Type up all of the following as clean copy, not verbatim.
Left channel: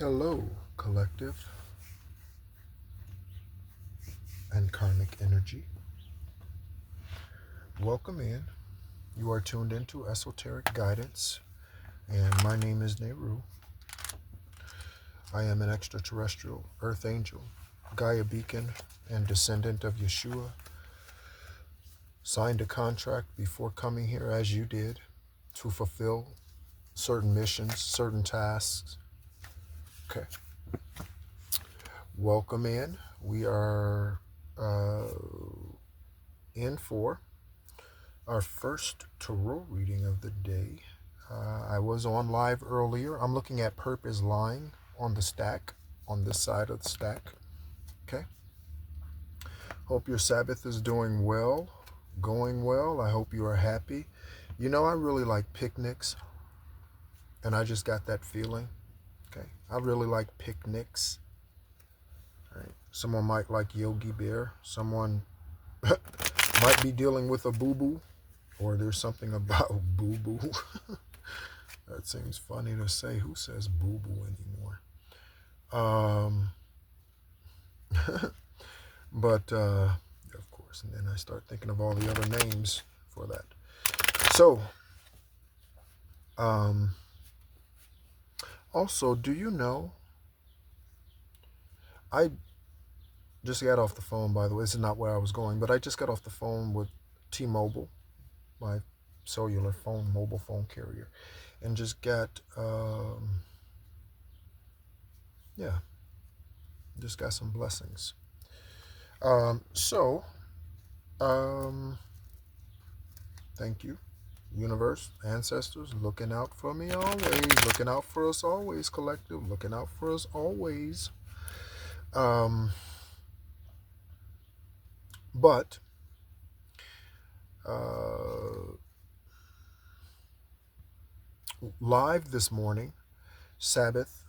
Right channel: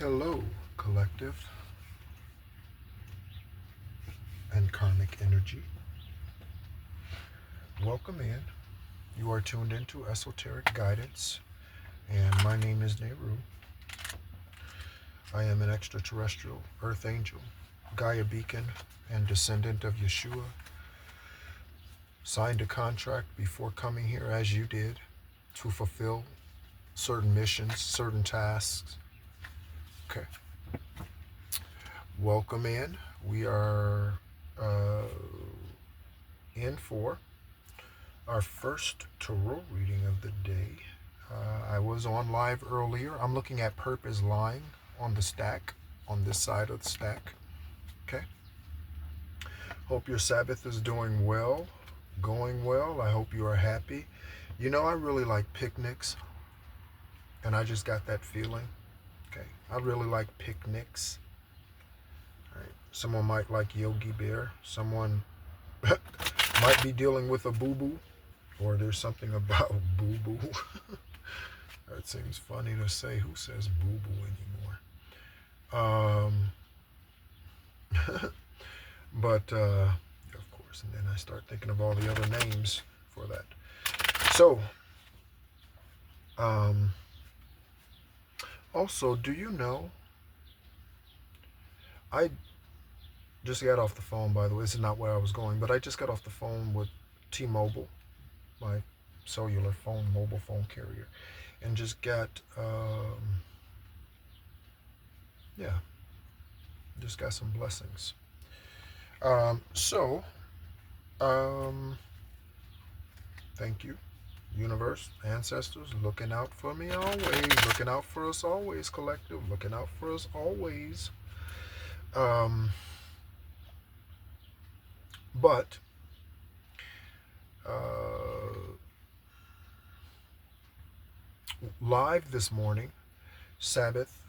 Hello, collective and karmic energy. Welcome in. You are tuned into Esoteric Guidance, and my name is Nehru. I am an extraterrestrial earth angel, Gaia beacon, and descendant of Yeshua. Signed a contract before coming here, as you did, to fulfill certain missions, certain tasks. Okay. Welcome in. We are in for our first tarot reading of the day. I was on live earlier. I'm looking at Perp is lying on the stack, on this side of the stack. Okay. Hope your Sabbath is doing well, going well. I hope you are happy. You know, I really like picnics, and I just got that feeling. Okay. I really like picnics. Right. Someone might like Yogi Bear. Someone might be dealing with a boo-boo, or there's something about boo-boo. That seems funny to say. Who says boo-boo anymore? But, of course, and then I start thinking of all the other names for that. So, also, do you know, I just got off the phone, by the way. This is not where I was going, but I just got off the phone with T-Mobile, my cellular phone, mobile phone carrier, and just got, just got some blessings. Thank you, universe, ancestors, looking out for me always, looking out for us always, collective, looking out for us always. But live this morning, Sabbath,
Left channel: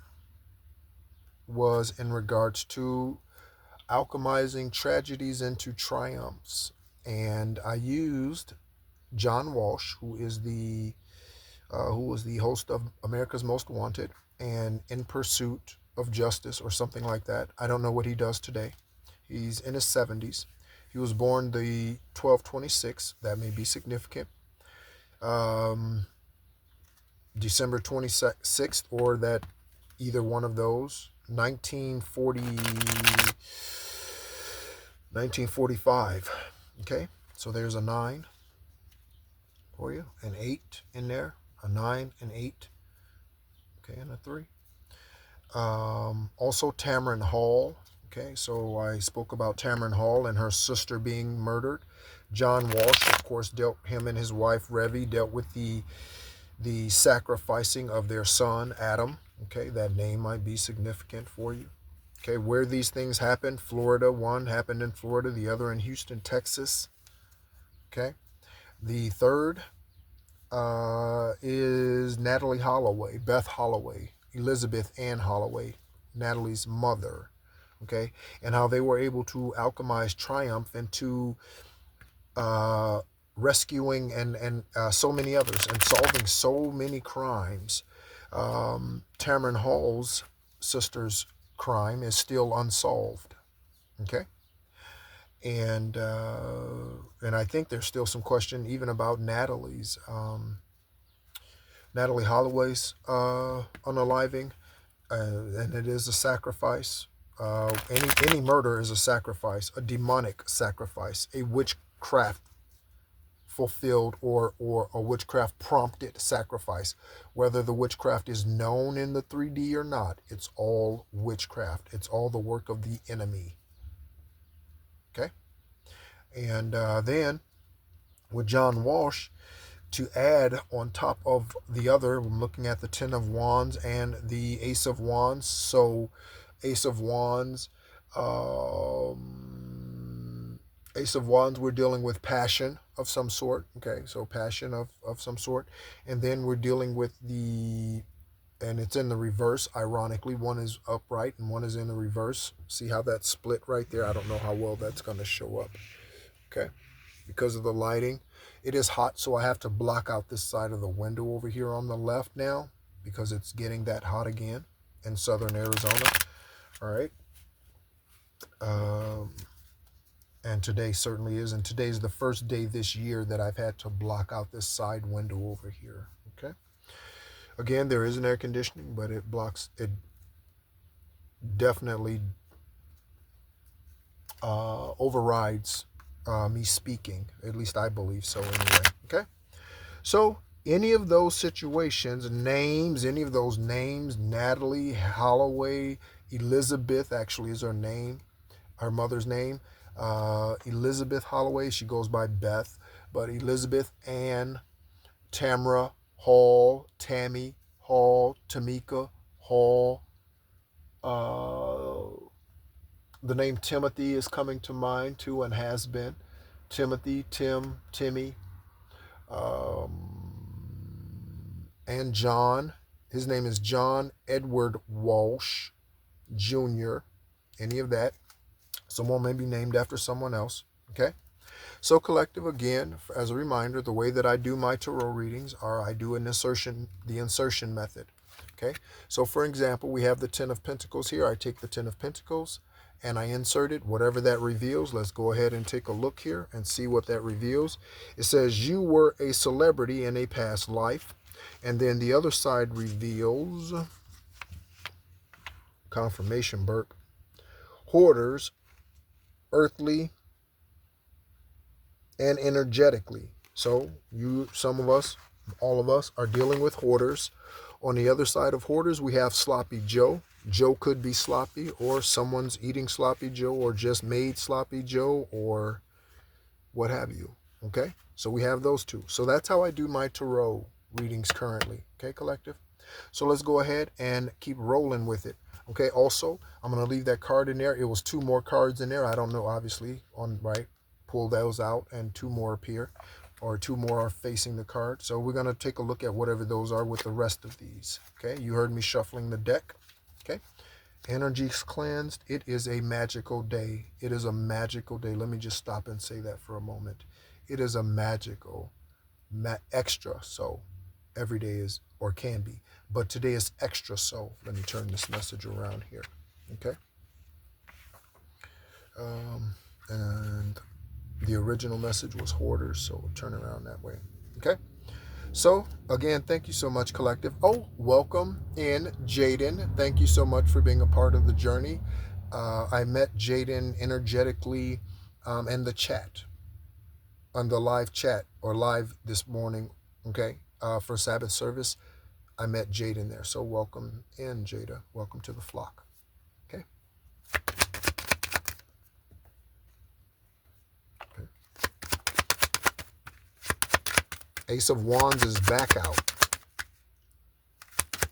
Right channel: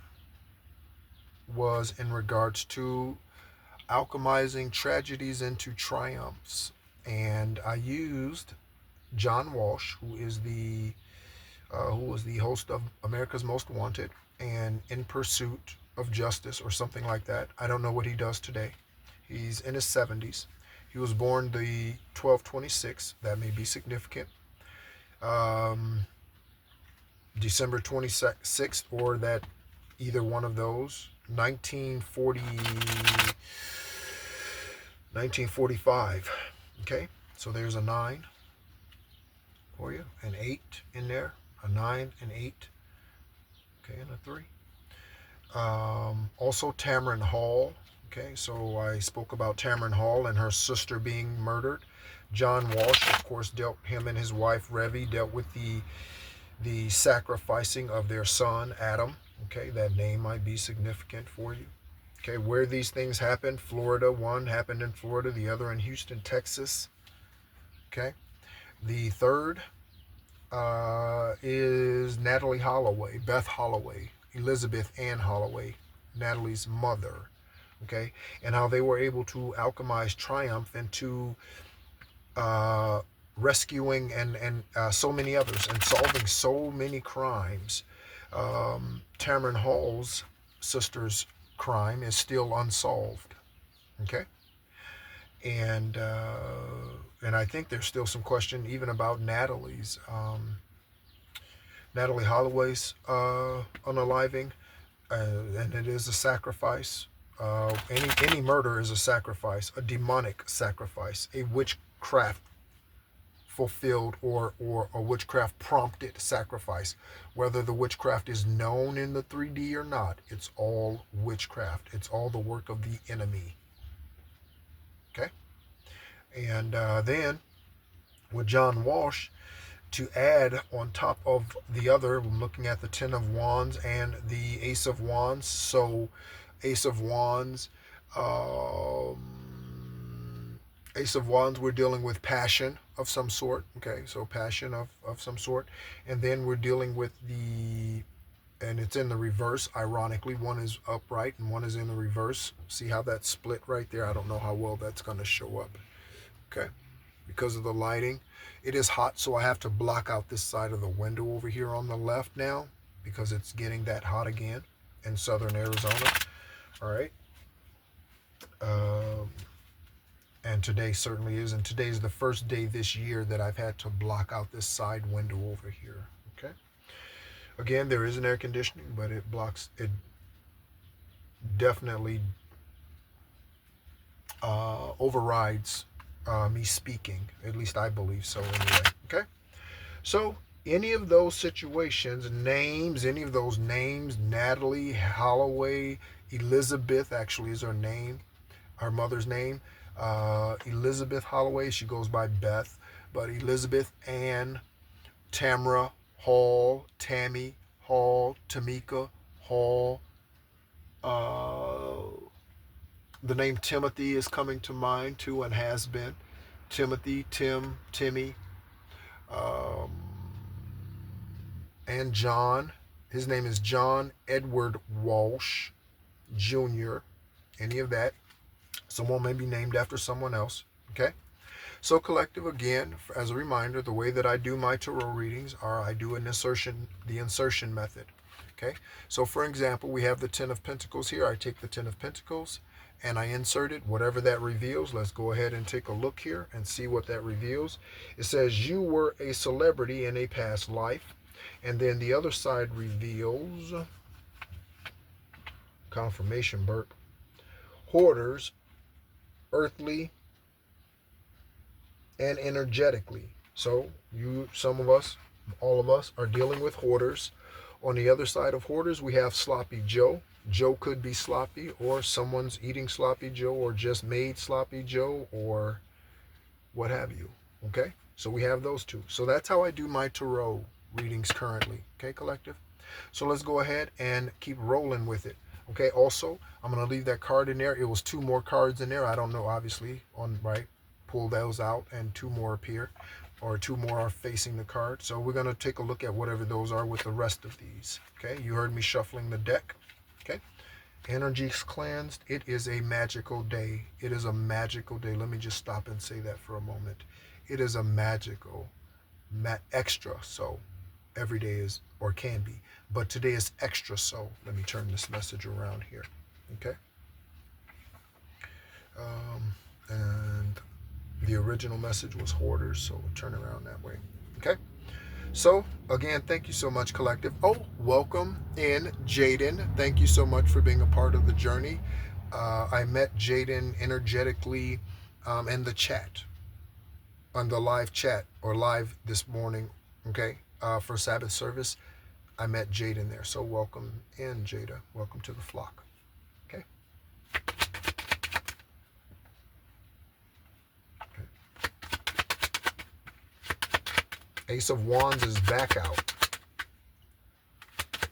was in regards to alchemizing tragedies into triumphs, and I used John Walsh, who was the host of America's Most Wanted and In Pursuit of Justice, or something like that. I don't know what he does today. He's in his 70s. He was born the 12/26. That may be significant. December 26th, or that either one of those. 1945. Okay, so there's a 9 for you, an 8 in there, a 9, an 8, okay, and a 3. Also Tamron Hall. Okay, so I spoke about Tamron Hall and her sister being murdered. John Walsh, of course, him and his wife Revi dealt with the sacrificing of their son Adam. Okay, that name might be significant for you. Okay, where these things happen: Florida. One happened in Florida, the other in Houston, Texas. Okay, the third is Natalie Holloway, Beth Holloway, Elizabeth Ann Holloway, Natalie's mother. Okay, and how they were able to alchemize triumph into rescuing and so many others, and solving so many crimes. Tamron Hall's sister's crime is still unsolved. Okay, and I think there's still some question even about Natalie Holloway's unaliving, and it is a sacrifice. Any murder is a sacrifice, a demonic sacrifice, a witchcraft fulfilled, or a witchcraft prompted sacrifice. Whether the witchcraft is known in the 3D or not, it's all witchcraft. It's all the work of the enemy. Okay? And then with John Walsh, to add on top of the other, I'm looking at the 10 of Wands and the Ace of Wands. So Ace of Wands, we're dealing with passion of some sort. Okay, so passion of some sort. And then we're dealing with and it's in the reverse, ironically. One is upright and one is in the reverse. See how that's split right there? I don't know how well that's going to show up. Okay, because of the lighting. It is hot, so I have to block out this side of the window over here on the left now, because it's getting that hot again. in southern Arizona. All right. And today certainly is. And today is the first day this year that I've had to block out this side window over here. Okay. Again, there is an air conditioning, but it definitely overrides me speaking. At least I believe so anyway. Okay. So any of those situations, names, any of those names, Natalie, Holloway, Elizabeth actually is her name, her mother's name. Elizabeth Holloway, she goes by Beth, but Elizabeth, Ann, Tamra, Hall, Tammy, Hall, Tamika, Hall. The name Timothy is coming to mind too and has been. Timothy, Tim, Timmy, um, and John. His name is John Edward Walsh Jr. Any of that. Someone may be named after someone else. Okay. So collective, again, as a reminder, the way that I do my tarot readings are I do the insertion method. Okay. So for example, we have the Ten of Pentacles here. I take the Ten of Pentacles and I insert it, whatever that reveals. Let's go ahead and take a look here and see what that reveals. It says you were a celebrity in a past life. And then the other side reveals, confirmation burp, hoarders, earthly and energetically. So some of us, all of us are dealing with hoarders. On the other side of hoarders, we have Sloppy Joe. Joe could be sloppy, or someone's eating Sloppy Joe, or just made Sloppy Joe, or what have you. Okay, so we have those two. So that's how I do my tarot readings currently. Okay, collective. So let's go ahead and keep rolling with it. Okay, also, I'm going to leave that card in there. It was two more cards in there. I don't know, obviously, pull those out and two more appear, or two more are facing the card. So we're going to take a look at whatever those are with the rest of these. Okay, you heard me shuffling the deck. Okay, energies cleansed. It is a magical day. It is a magical day. Let me just stop and say that for a moment. It is a magical, extra so. Every day is, or can be, but today is extra so. Let me turn this message around here. Okay. And the original message was hoarders, so we'll turn around that way. Okay. So again, thank you so much, collective. Oh, welcome in, Jaden. Thank you so much for being a part of the journey. I met Jaden energetically in the chat, on the live chat, or live this morning. Okay, for Sabbath service, I met Jaden there. So welcome in, Jada. Welcome to the flock. Okay. Ace of Wands is back out.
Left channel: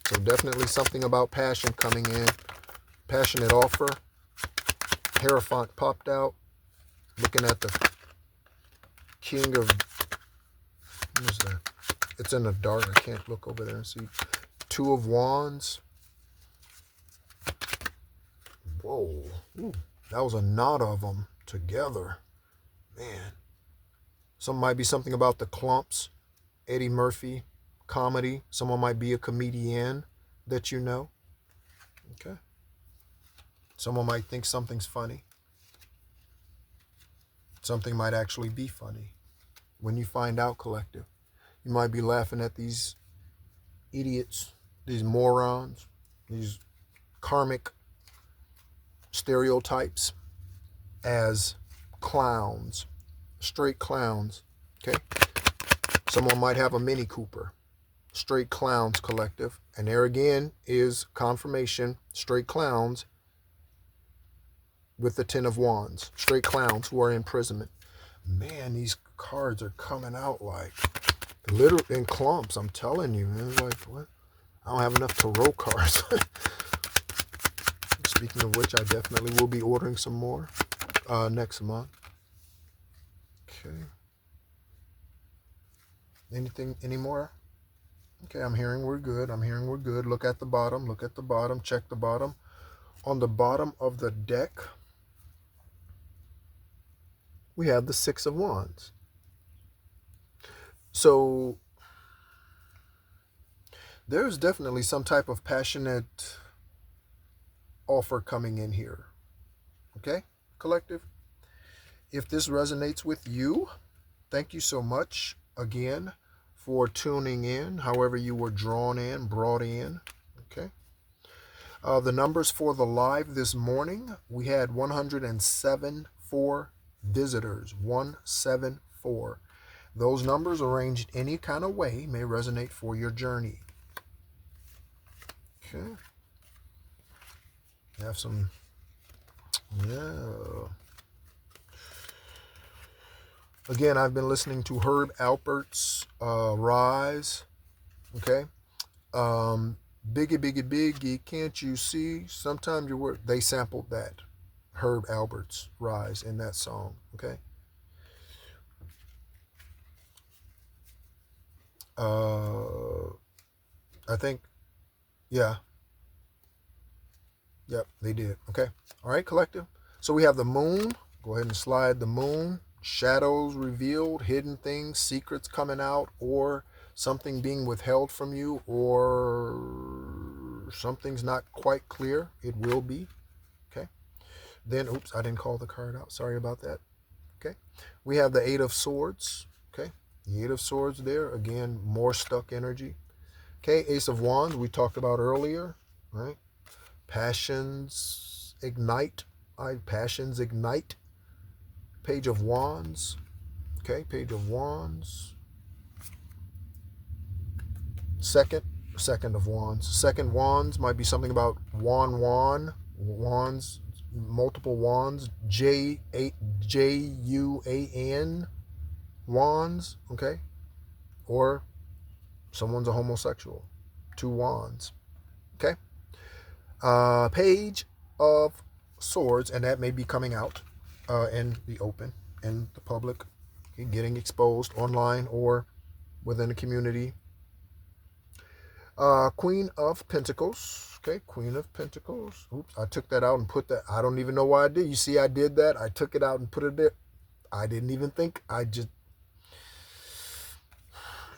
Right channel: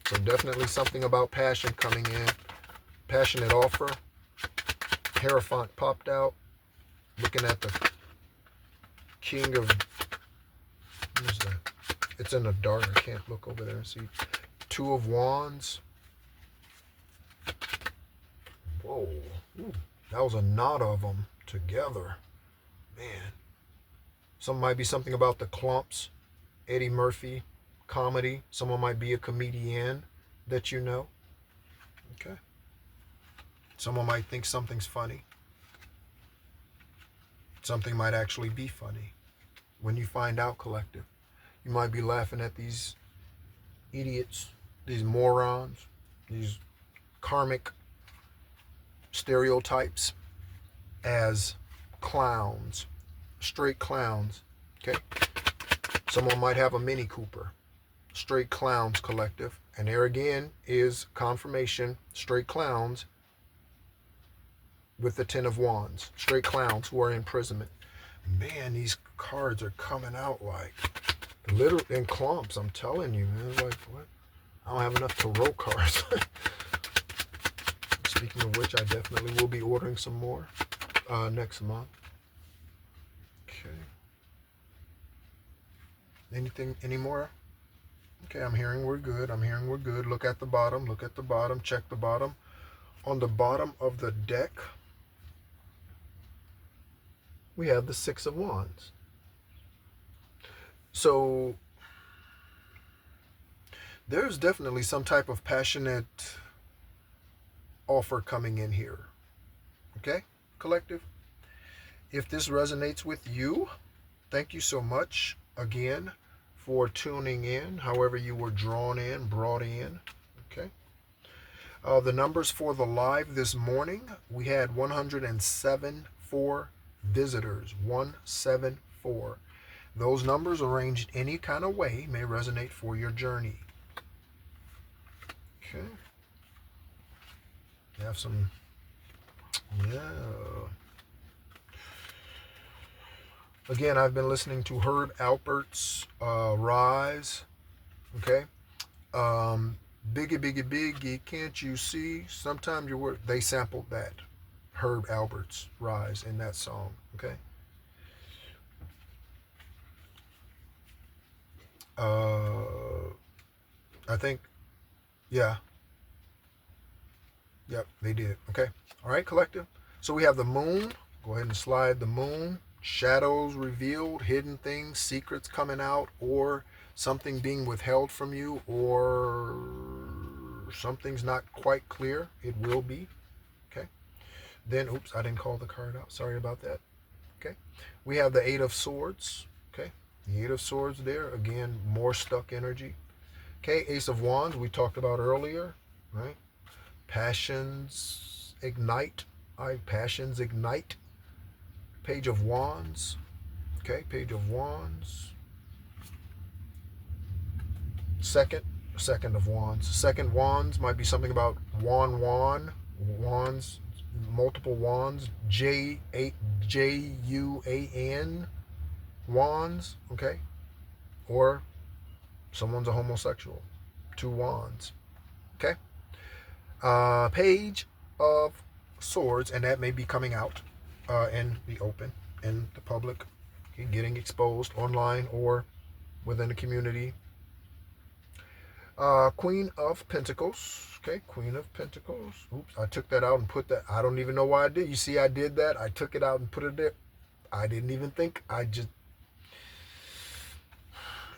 So definitely something about passion coming in. Passionate offer. Hierophant popped out. Looking at the King of... What is that? It's in the dark. I can't look over there and see. Two of Wands. Whoa. Ooh, that was a knot of them together. Man. Some might be something about the clumps. Eddie Murphy, comedy. Someone might be a comedian that you know. Okay. Someone might think something's funny. Something might actually be funny. When you find out, collective, you might be laughing at these idiots, these morons, these karmic stereotypes as clowns, straight clowns. Okay. Someone might have a Mini Cooper. Straight clowns, collective. And there again is confirmation. Straight clowns with the Ten of Wands. Straight clowns who are in imprisonment. Man, these cards are coming out like literally in clumps. I'm telling you, man. Like, what? I don't have enough tarot cards. Speaking of which, I definitely will be ordering some more next month. Okay. Anything, any more? Okay, I'm hearing we're good. I'm hearing we're good. Look at the bottom. Look at the bottom. Check the bottom. On the bottom of the deck, we have the Six of Wands. So there's definitely some type of passionate offer coming in here. Okay, collective? If this resonates with you, thank you so much again for tuning in, however you were drawn in, brought in. Okay. The numbers for the live this morning, we had 107 visitors. 174. Those numbers arranged any kind of way may resonate for your journey. Okay. We have some, yeah. Again, I've been listening to Herb Alpert's Rise. Okay. Biggie, biggie, biggie, can't you see? Sometimes your word. They sampled that. Herb Alpert's Rise in that song. Okay. I think, yeah. Yep, they did. Okay. All right, collective. So we have the moon. Go ahead and slide the moon. Shadows revealed, hidden things, secrets coming out, or something being withheld from you, or something's not quite clear. It will be. Okay. Then, oops, I didn't call the card out. Sorry about that. Okay. We have the Eight of Swords. Okay. The Eight of Swords there. Again, more stuck energy. Okay. Ace of Wands, we talked about earlier. Right. Passions ignite. Passions ignite. Page of Wands. Okay. Page of Wands. Second of Wands. Second Wands might be something about wands, multiple wands, Juan, wands, okay? Or someone's a homosexual. Two wands, okay? Page of Swords, and that may be coming out in the open, in the public, okay? Getting exposed online or within the community. Queen of Pentacles. Okay, Queen of Pentacles. Oops, I took that out and put that. I don't even know why I did. You see, I did that. I took it out and put it there. I didn't even think. I just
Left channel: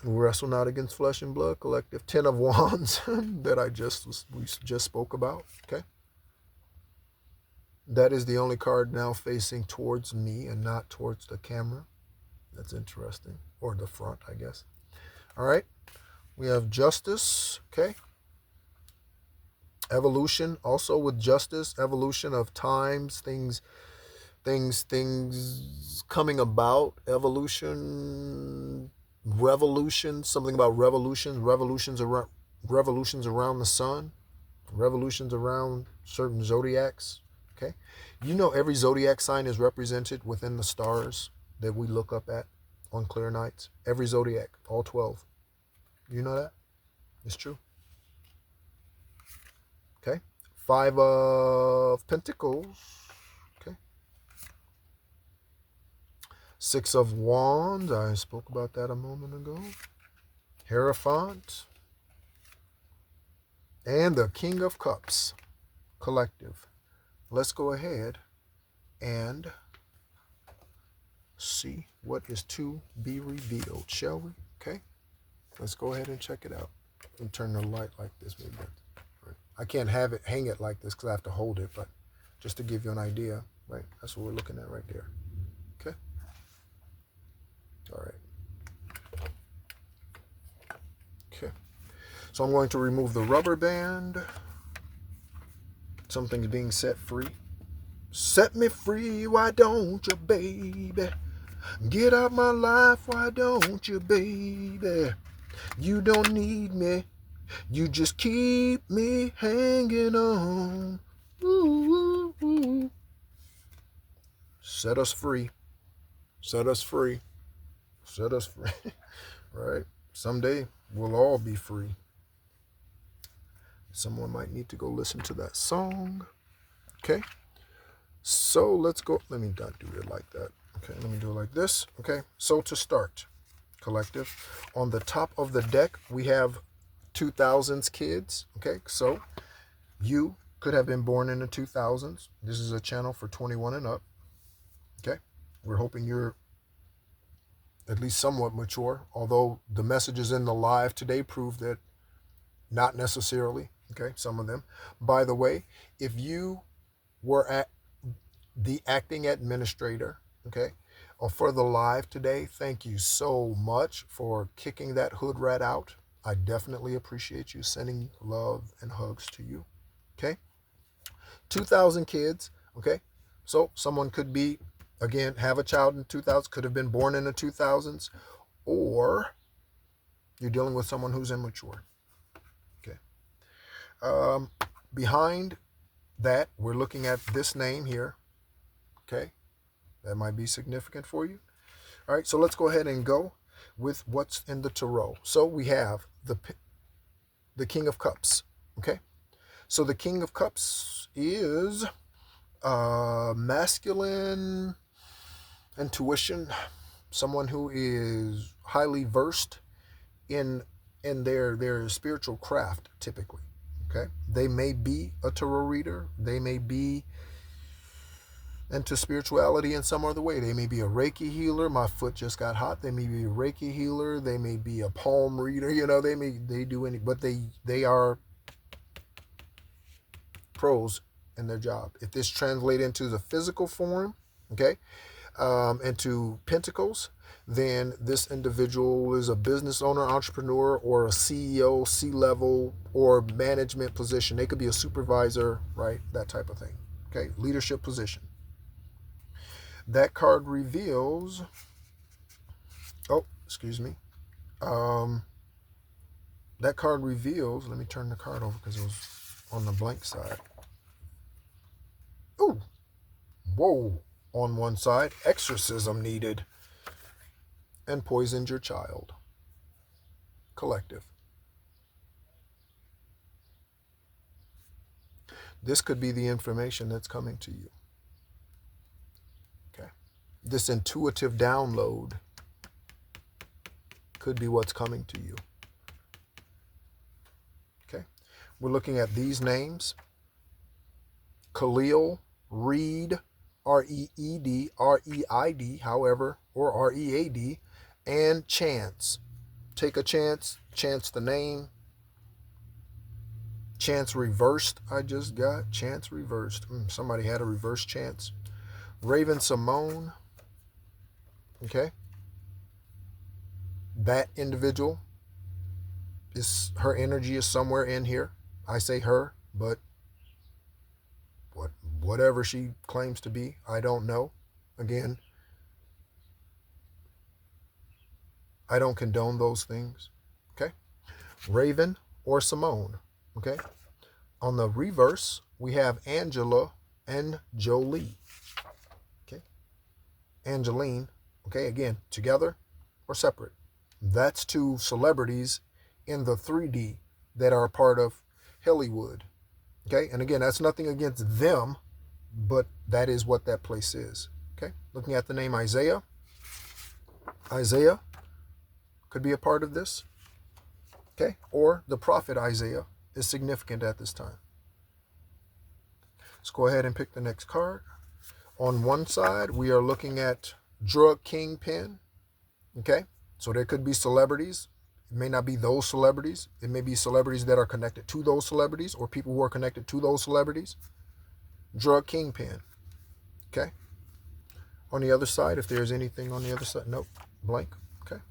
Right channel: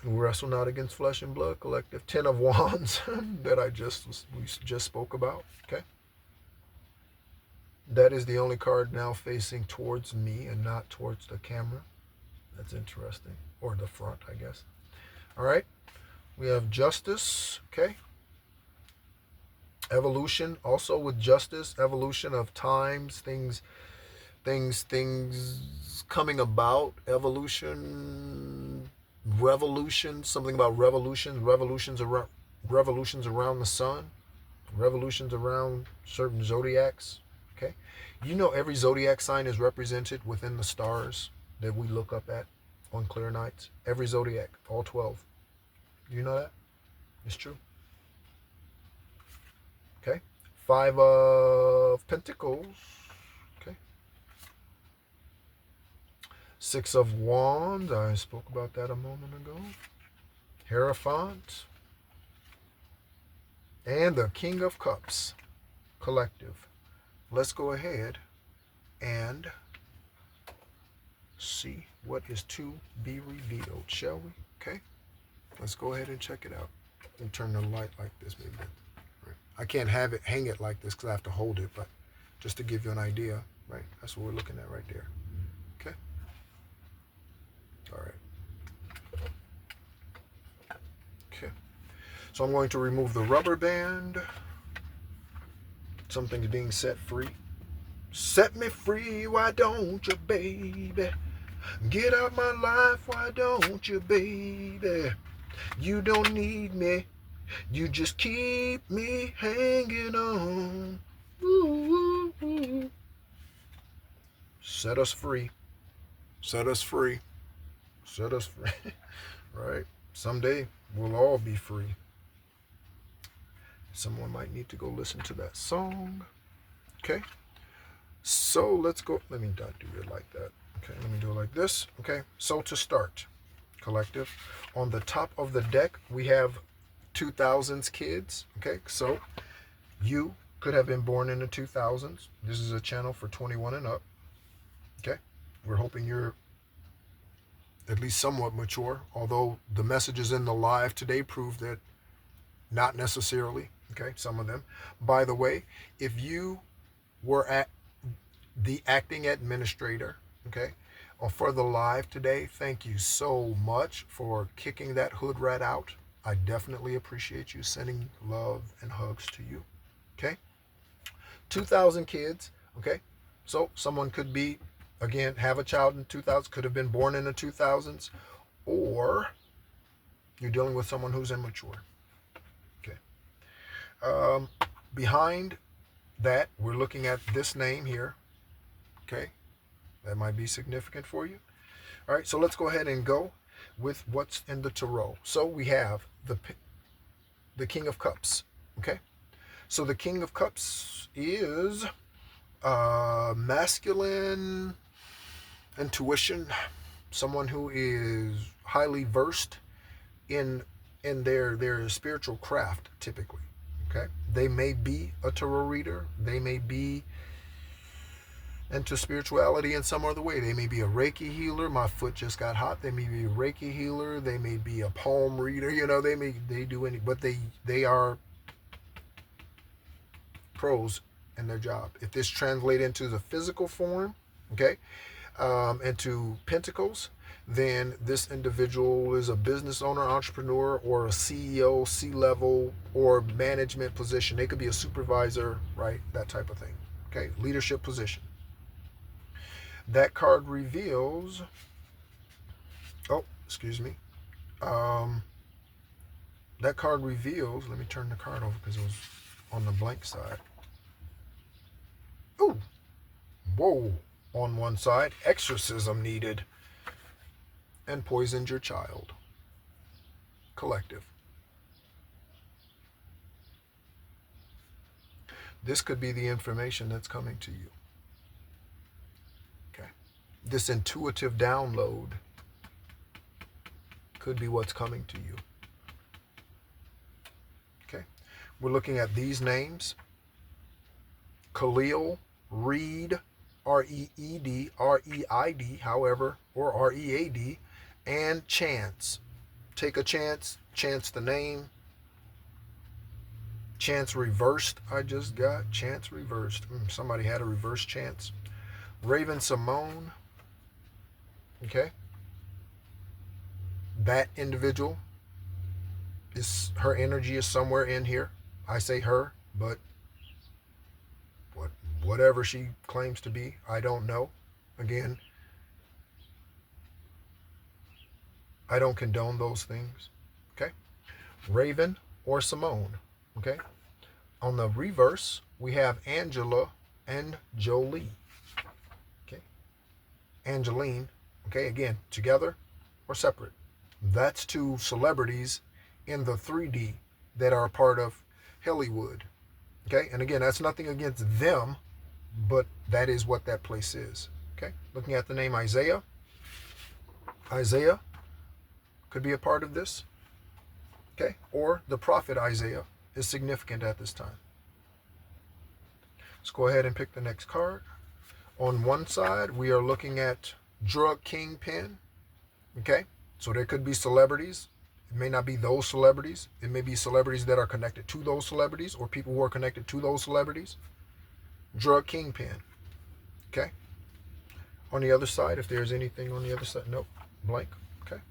wrestle not against flesh and blood. Collective. 10 of Wands that we just spoke about. Okay. That is the only card now facing towards me and not towards the camera. That's interesting. Or the front, I guess. All right. We have Justice, okay? Evolution, also with Justice, evolution of times, things coming about, evolution, revolution, something about revolutions around the sun, revolutions around certain zodiacs, okay? You know every zodiac sign is represented within the stars that we look up at on clear nights. Every zodiac, all 12. You know that? It's true. Okay. 5 of Pentacles. Okay. 6 of Wands. I spoke about that a moment ago. Hierophant. And the King of Cups. Collective. Let's go ahead and see what is to be revealed, shall we? Okay. Let's go ahead and check it out. And turn the light like this maybe. Right. I can't have it, hang it like this because I have to hold it, but just to give you an idea, right? That's what we're looking at right there. Okay. All right. Okay. So I'm going to remove the rubber band. Something's being set free. Set me free, why don't you, baby? Get out my life, why don't you, baby? You don't need me. You just keep me hanging on. Ooh, ooh, ooh. Set us free. Set us free. Set us free. Right? Someday we'll all be free. Someone might need to go listen to that song. Okay? So let's go. Let me not do it like that. Okay, let me do it like this. Okay, so to start, collective, on the top of the deck, we have 2000s kids. Okay, so you could have been born in the 2000s. This is a channel for 21 and up. Okay, we're hoping you're at least somewhat mature, although the messages in the live today prove that not necessarily. Okay, some of them. By the way, if you were at the acting administrator, okay, or for the live today, thank you so much for kicking that hood rat out. I definitely appreciate you. Sending love and hugs to you. Okay, 2,000 kids. Okay, so someone could be, again, have a child in 2000, could have been born in the 2000s, or you're dealing with someone who's immature. Okay, um, behind that, we're looking at this name here. Okay, that might be significant for you. All right, so let's go ahead and go with what's in the tarot. So we have the King of Cups. Okay, so the King of Cups is masculine intuition, someone who is highly versed in their spiritual craft typically. Okay, they may be a tarot reader, they may be into spirituality in some other way. They may be a Reiki healer. My foot just got hot. They may be a Reiki healer. They may be a palm reader. You know, they do any, but they are pros in their job. If this translates into the physical form, okay, into pentacles, then this individual is a business owner, entrepreneur, or a CEO, C-level, or management position. They could be a supervisor, right? That type of thing. Okay, leadership position. That card reveals, oh, excuse me. Um, that card reveals, let me turn the card over because it was on the blank side. Ooh, whoa, on one side, exorcism needed, and poisoned your child. Collective. This could be the information that's coming to you. Okay. This intuitive download could be what's coming to you. Okay. We're looking at these names. Khalil, Reed, Reed, Reid, however, or Read, and Chance. Take a chance, chance the name. Chance reversed, I just got. Chance reversed. Somebody had a reverse chance. Raven Simone. Okay. That individual is, her energy is somewhere in here. I say her, but whatever she claims to be, I don't know. Again, I don't condone those things. Okay. Raven or Simone. Okay. On the reverse, we have Angela and Jolie. Okay. Angeline. Okay. Again, together or separate. That's two celebrities in the 3D that are a part of Hollywood. Okay. And again, that's nothing against them, but that is what that place is. Okay. Looking at the name Isaiah. Isaiah could be a part of this. Okay. Or the prophet Isaiah is significant at this time. Let's go ahead and pick the next card. On one side, we are looking at drug kingpin. Okay. So there could be celebrities. It may not be those celebrities. It may be celebrities that are connected to those celebrities or people who are connected to those celebrities. Drug kingpin. Okay. On the other side, if there's anything on the other side, nope, blank. Okay.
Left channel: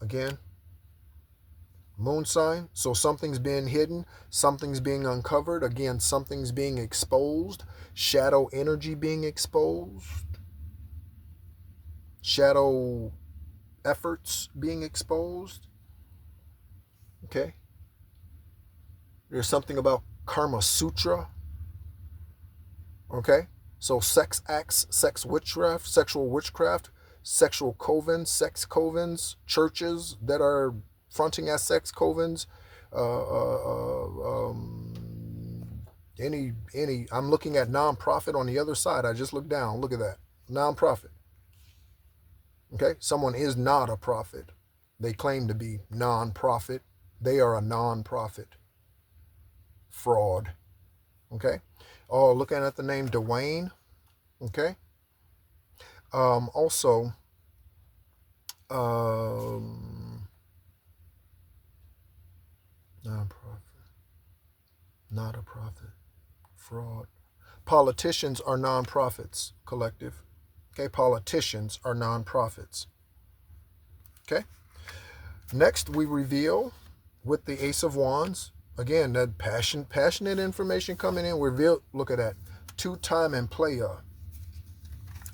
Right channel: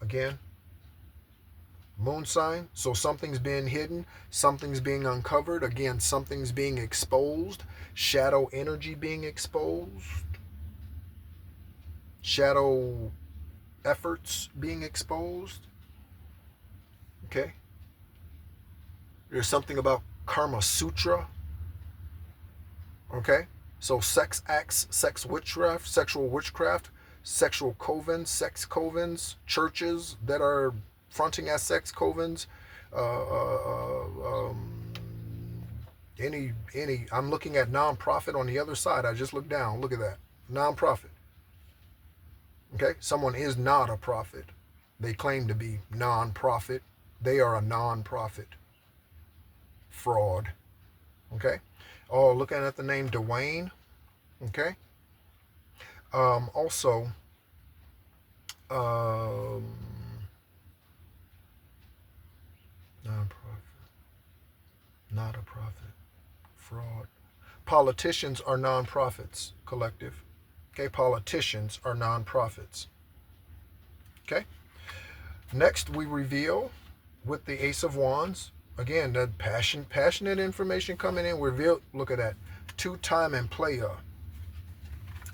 Again, moon sign. So something's being hidden, something's being uncovered. Again, something's being exposed. Shadow energy being exposed. Shadow efforts being exposed. Okay. There's something about Karma Sutra. Okay. So sex acts, sex witchcraft, sexual witchcraft, sexual covens, sex covens, churches that are fronting as sex covens, any. I'm looking at nonprofit on the other side. I just looked down. Look at that, nonprofit. Okay, someone is not a prophet. They claim to be nonprofit. They are a nonprofit. Fraud. Okay. Oh, looking at the name Dwayne. Okay. Also, Non-profit. Not a profit. Fraud. Politicians are non-profits, collective. Okay, politicians are non-profits. Okay. Next, we reveal with the Ace of Wands. Again, that passionate information coming in. Reveal. Look at that. Two-time and player.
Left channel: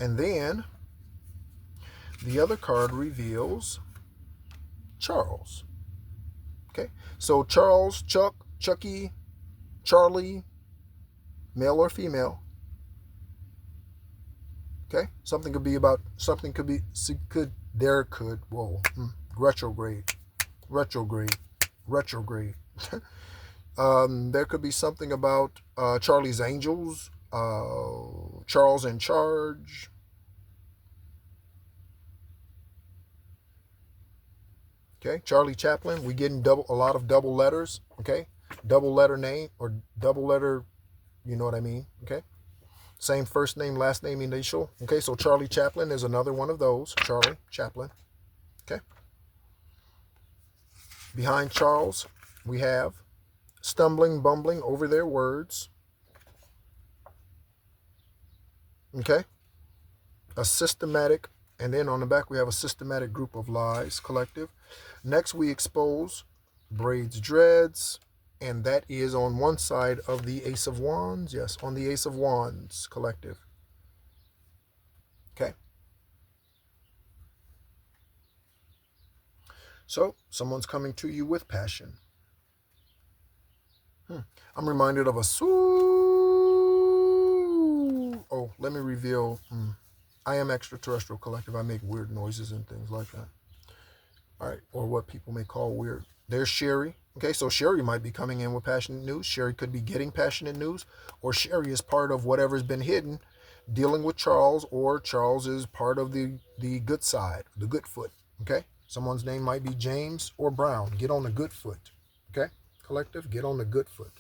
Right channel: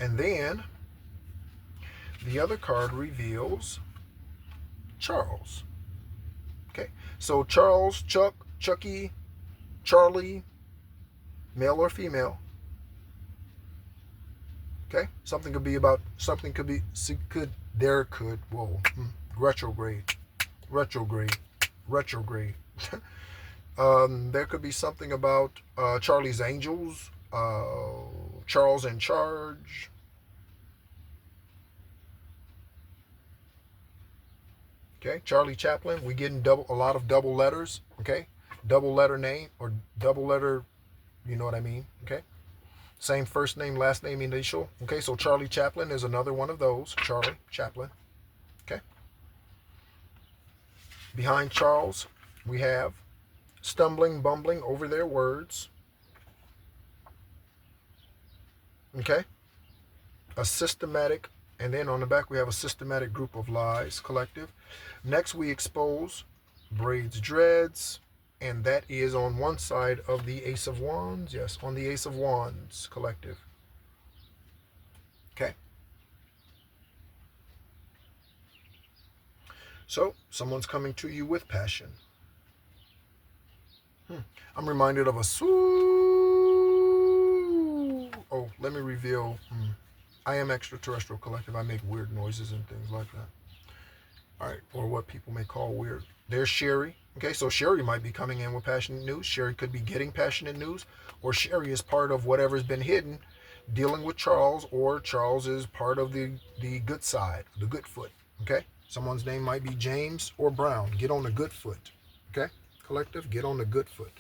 And then the other card reveals Charles. Okay. So Charles, Chuck, Chucky, Charlie, male or female. Okay. Something could be about. Something could be. Could. Whoa. Retrograde. Retrograde. Retrograde. There could be something about Charlie's Angels, Charles in Charge. Okay, Charlie Chaplin. We getting a lot of double letters. Okay, double letter name or double letter. You know what I mean? Okay, same first name, last name, initial. Okay, so Charlie Chaplin is another one of those. Charlie Chaplin. Okay. Behind Charles, we have stumbling, bumbling over their words. Okay? A systematic, and then on the back we have a systematic group of lies, collective. Next we expose braids, dreads, and that is on one side of the Ace of Wands. Yes, on the Ace of Wands, collective. Okay? So, someone's coming to you with passion. I'm reminded of a Oh, let me reveal. I am extraterrestrial collective. I make weird noises and things like that. All right, or what people may call weird. There's Sherry. Okay, so Sherry might be coming in with passionate news. Sherry could be getting passionate news, or Sherry is part of whatever's been hidden, dealing with Charles, or Charles is part of the good side, the good foot. Okay, someone's name might be James or Brown. Get on the good foot. Okay, collective, get on the good foot.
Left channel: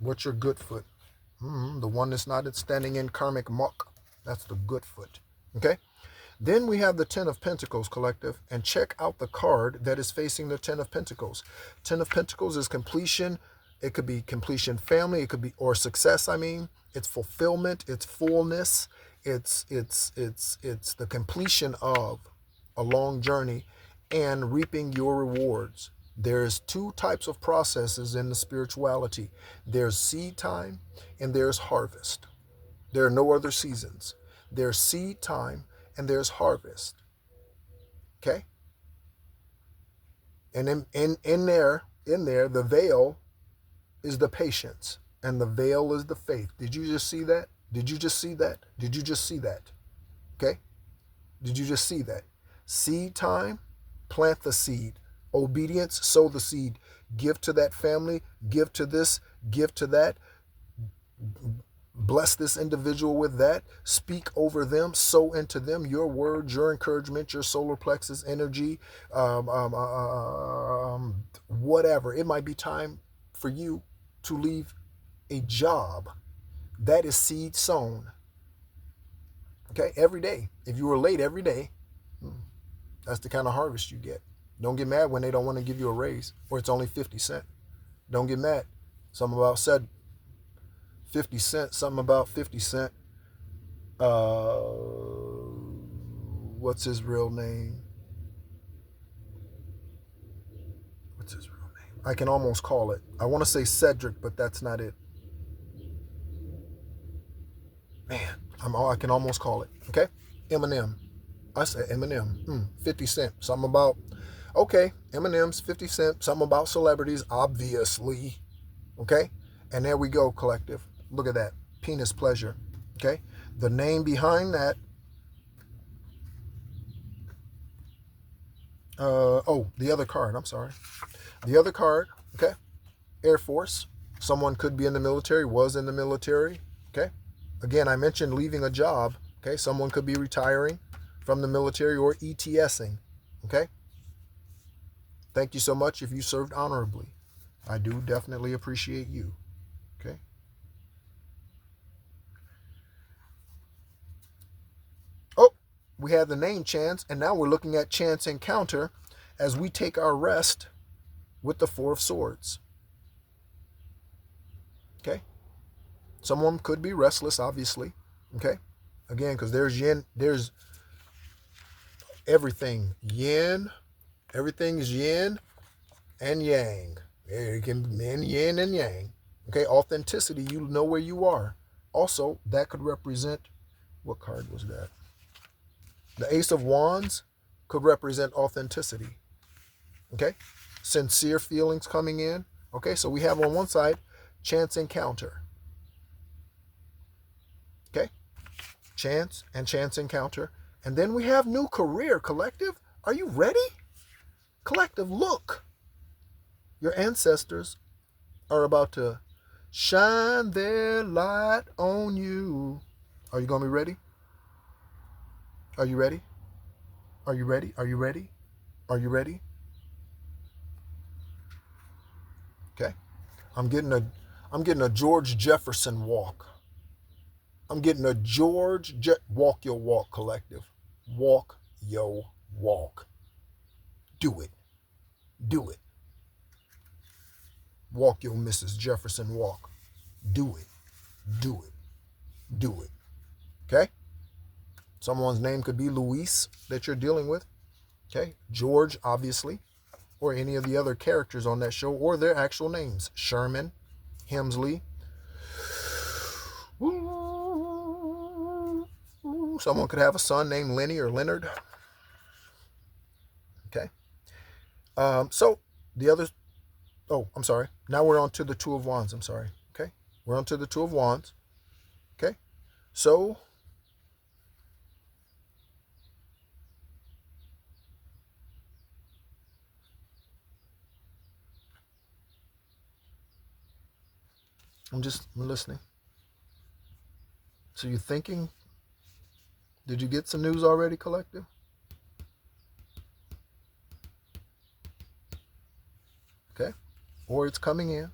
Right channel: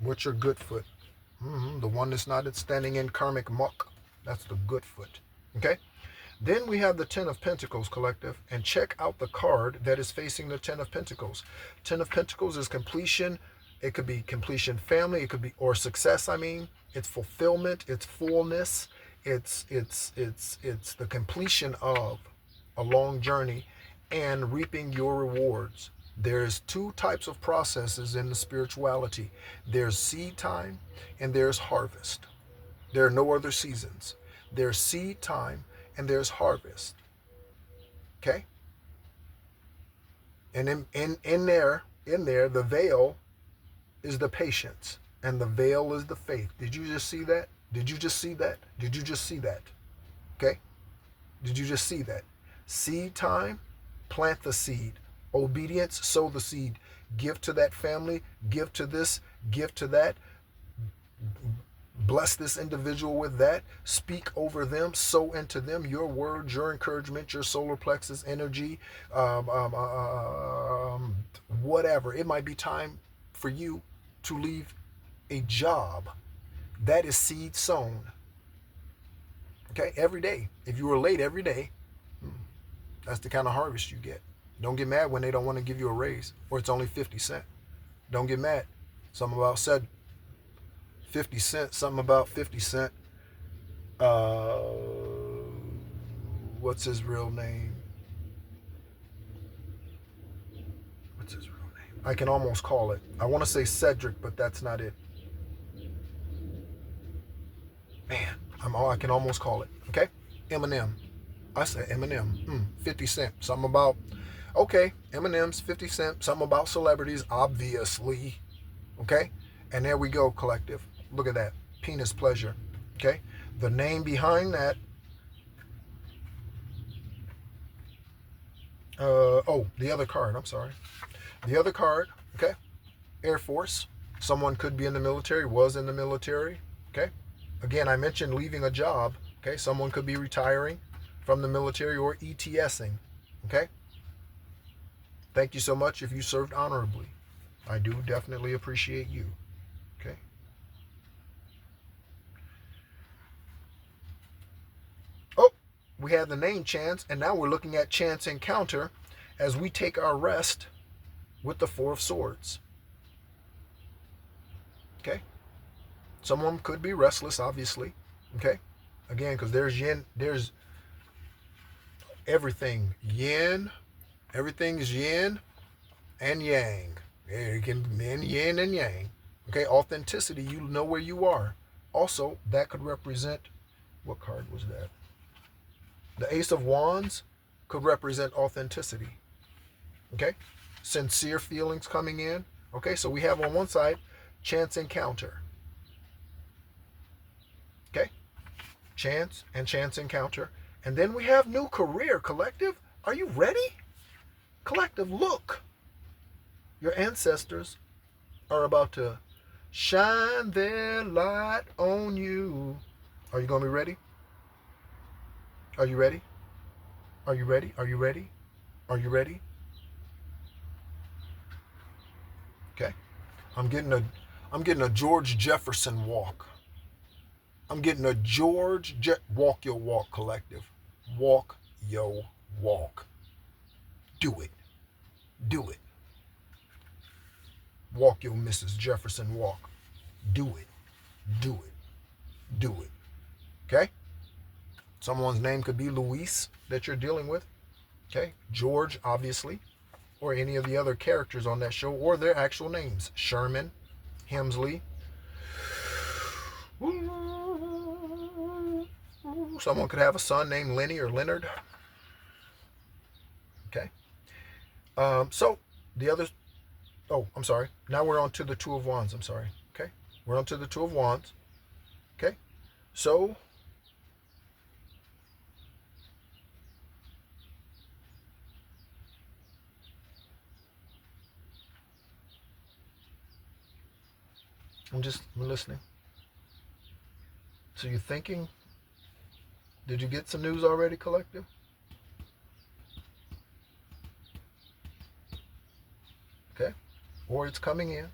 What's your good foot? The one that's not standing in karmic muck. That's the good foot. Okay? Then we have the Ten of Pentacles, collective, and check out the card that is facing the Ten of Pentacles. Ten of Pentacles is completion. It could be completion family. It could be, or success, I mean. It's fulfillment. It's fullness. It's the completion of a long journey and reaping your rewards. There's two types of processes in the spirituality. There's seed time and there's harvest. There are no other seasons. There's seed time and there's harvest. Okay? And in there, the veil is the patience and the veil is the faith. Did you just see that? Did you just see that? Did you just see that? Okay? Did you just see that? Seed time, plant the seed. Obedience, sow the seed. Give to that family, give to this, give to that. Bless this individual with that. Speak over them, sow into them your words, your encouragement, your solar plexus energy, whatever. It might be time for you to leave a job. That is seed sown. Okay, every day. If you were late every day, that's the kind of harvest you get. Don't get mad when they don't want to give you a raise or it's only 50 cents. Don't get mad. Something about said 50 cents, something about 50 cents. What's his real name? What's his real name? I can almost call it. I want to say Cedric, but that's not it. Man, I can almost call it. Okay? Eminem. I said Eminem. 50 cents. Something about... Okay, Eminem's 50 cents, something about celebrities, obviously. Okay? And there we go, collective. Look at that. Penis pleasure. Okay? The name behind that. The other card. I'm sorry. The other card. Okay? Air Force. Someone could be in the military, was in the military. Okay? Again, I mentioned leaving a job. Okay? Someone could be retiring from the military or ETSing. Okay? Thank you so much if you served honorably. I do definitely appreciate you. Okay? Oh, we had the name Chance, and now we're looking at Chance Encounter as we take our rest with the Four of Swords. Okay. Someone could be restless, obviously. Okay. Again, because there's yin, there's everything. Yin, everything is yin and yang. It can be yin and yang. Okay. Authenticity, you know where you are. Also, that could represent, what card was that? The Ace of Wands could represent authenticity. Okay. Sincere feelings coming in. Okay. So we have on one side, chance encounter. Okay. Chance and chance encounter. And then we have new career, collective. Are you ready? Collective, look. Your ancestors are about to shine their light on you. Are you going to be ready? Are you ready? Are you ready? Are you ready? Are you ready? Okay. I'm getting a George Jefferson walk. I'm getting a walk your walk, collective. Walk your walk. Do it. Do it. Walk your Mrs. Jefferson walk. Do it. Do it. Do it. Okay? Someone's name could be Luis that you're dealing with. Okay? George, obviously. Or any of the other characters on that show, or their actual names. Sherman, Hemsley. Someone could have a son named Lenny or Leonard. Okay. So the other, oh, I'm sorry. Now we're on to the Two of Wands. I'm sorry. Okay. We're on to the Two of Wands. Okay. So I'm listening. So you're thinking, did you get some news already, collective? Okay. Or it's coming in.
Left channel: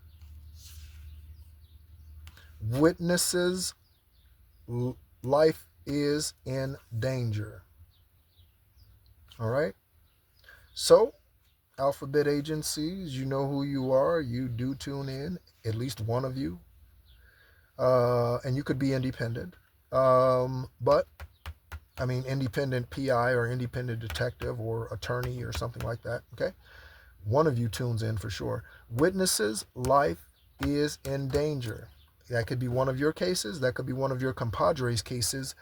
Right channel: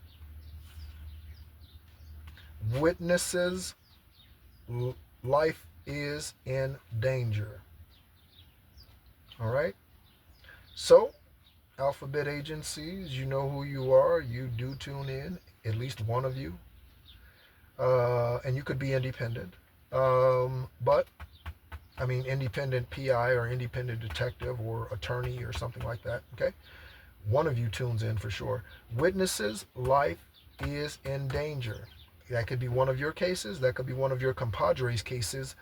Witnesses, life is in danger. All right. So, alphabet agencies, you know who you are. You do tune in, at least one of you. And you could be independent. But, I mean, independent PI or independent detective or attorney or something like that. Okay. One of you tunes in for sure. Witnesses, life is in danger. That could be one of your cases. That could be one of your compadres' cases.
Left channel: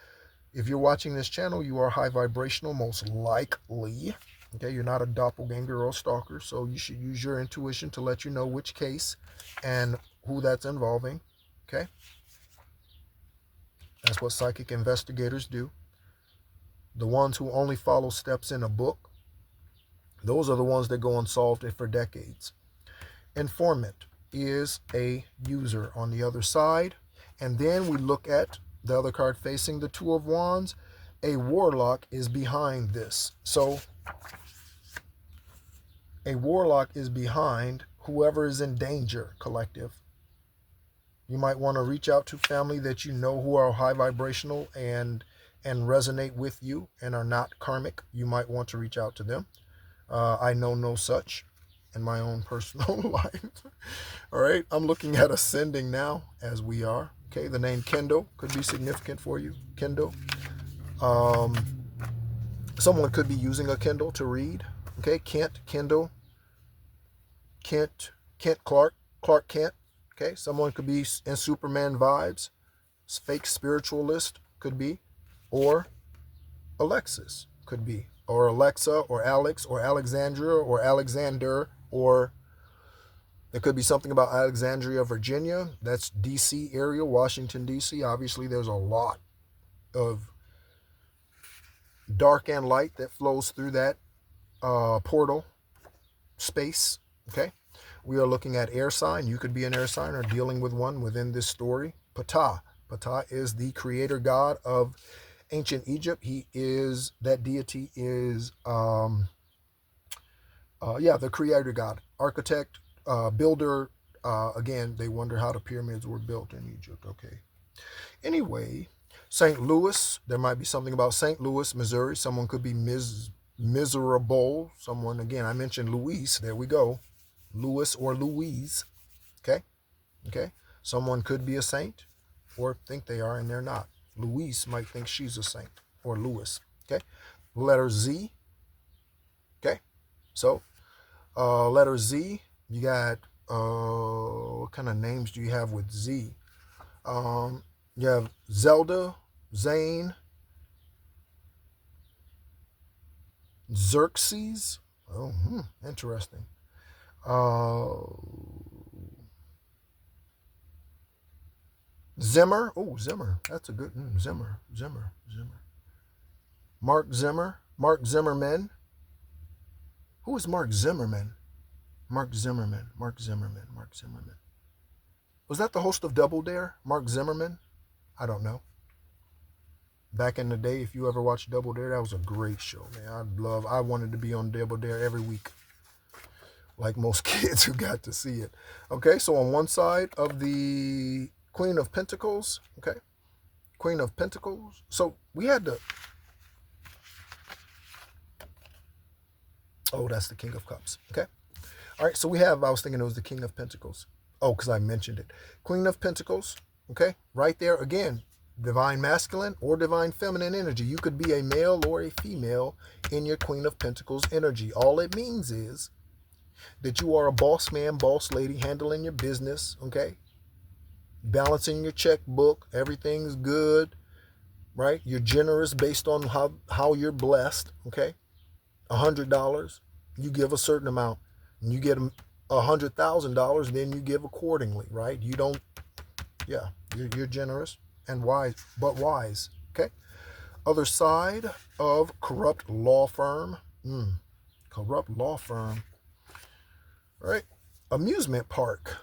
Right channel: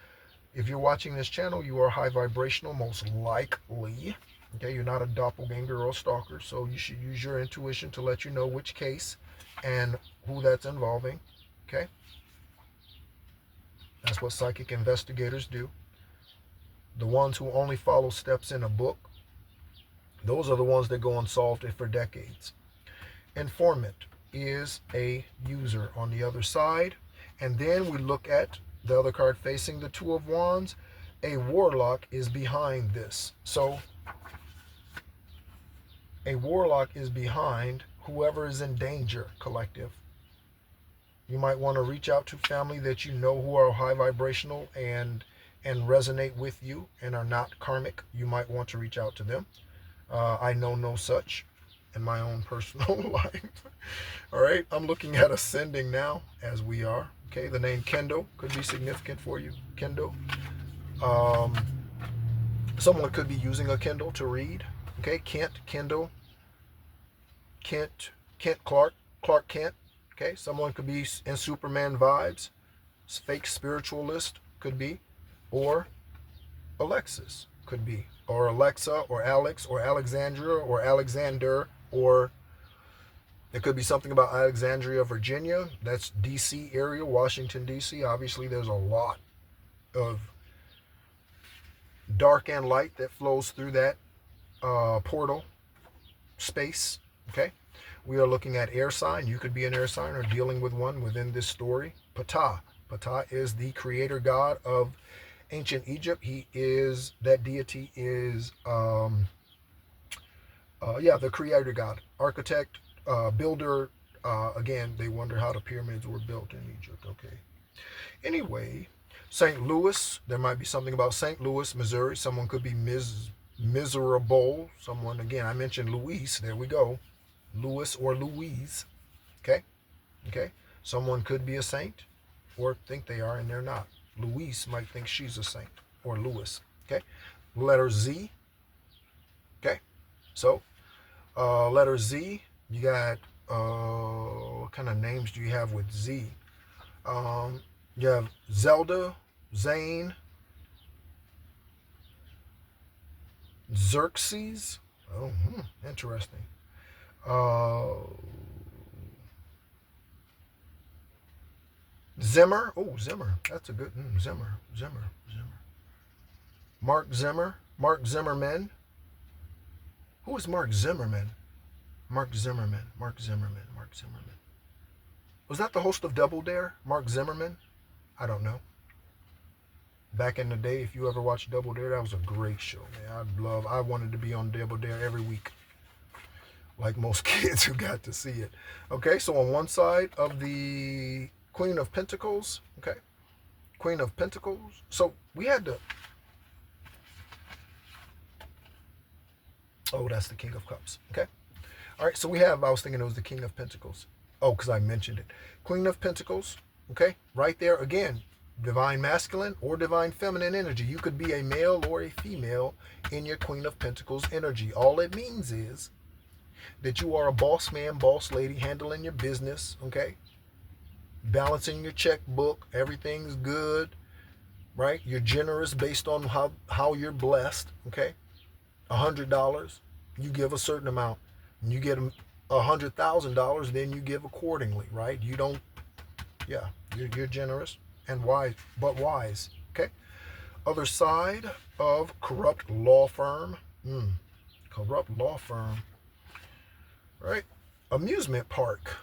If you're watching this channel, you are high vibrational, most likely. Okay, you're not a doppelganger or a stalker, so you should use your intuition to let you know which case and who that's involving. Okay, that's what psychic investigators do. The ones who only follow steps in a book, those are the ones that go unsolved for decades. Informant is a user on the other side. And then we look at the other card facing the Two of Wands. A warlock is behind this. So a warlock is behind whoever is in danger, collective. You might want to reach out to family that you know who are high vibrational and resonate with you and are not karmic. You might want to reach out to them. I know no such in my own personal life. All right, I'm looking at ascending now as we are. Okay, the name Kendo could be significant for you. Kendo. Someone could be using a Kindle to read. Okay, Kent, Kindle. Kent Clark Kent. Okay, someone could be in Superman vibes. Fake spiritualist could be. Or Alexis could be. Or Alexa, or Alex, or Alexandra, or Alexander, or it could be something about Alexandria, Virginia. That's D.C. area, Washington, D.C. Obviously, there's a lot of dark and light that flows through that portal space. Okay, we are looking at air sign. You could be an air sign or dealing with one within this story. Ptah. Ptah is the creator god of ancient Egypt. He is, that deity is, the creator god, architect, builder. Again, they wonder how the pyramids were built in Egypt. Okay. Anyway, St. Louis, there might be something about St. Louis, Missouri. Someone could be miserable. Someone, again, I mentioned Luis. There we go. Louis or Louise. Okay? Okay? Someone could be a saint or think they are and they're not. Louise might think she's a saint, or Louis. Okay? Letter Z. Okay? So, letter Z, you got, what kind of names do you have with Z? You have Zelda, Zane, Xerxes. Oh, interesting. Zimmer. Oh, Zimmer. That's a good Zimmer. Mark Zimmer. Mark Zimmerman. Who is Mark Zimmerman? Mark Zimmerman. Was that the host of Double Dare? Mark Zimmerman? I don't know. Back in the day, if you ever watched Double Dare, that was a great show, man. I wanted to be on Double Dare every week, like most kids who got to see it. Okay, so on one side of the Queen of Pentacles, okay, Queen of Pentacles. So we had to, oh, that's the King of Cups, okay. All right, so we have, I was thinking it was the King of Pentacles. Oh, because I mentioned it. Queen of Pentacles, okay, right there again. Divine masculine or divine feminine energy. You could be a male or a female in your Queen of Pentacles energy. All it means is that you are a boss man, boss lady, handling your business, okay? Balancing your checkbook. Everything's good, right? You're generous based on how you're blessed, okay? $100, you give a certain amount. And you get $100,000, then you give accordingly, right? You don't, yeah, you're generous and wise, but wise, okay? Other side of corrupt law firm. Corrupt law firm, right? Amusement park,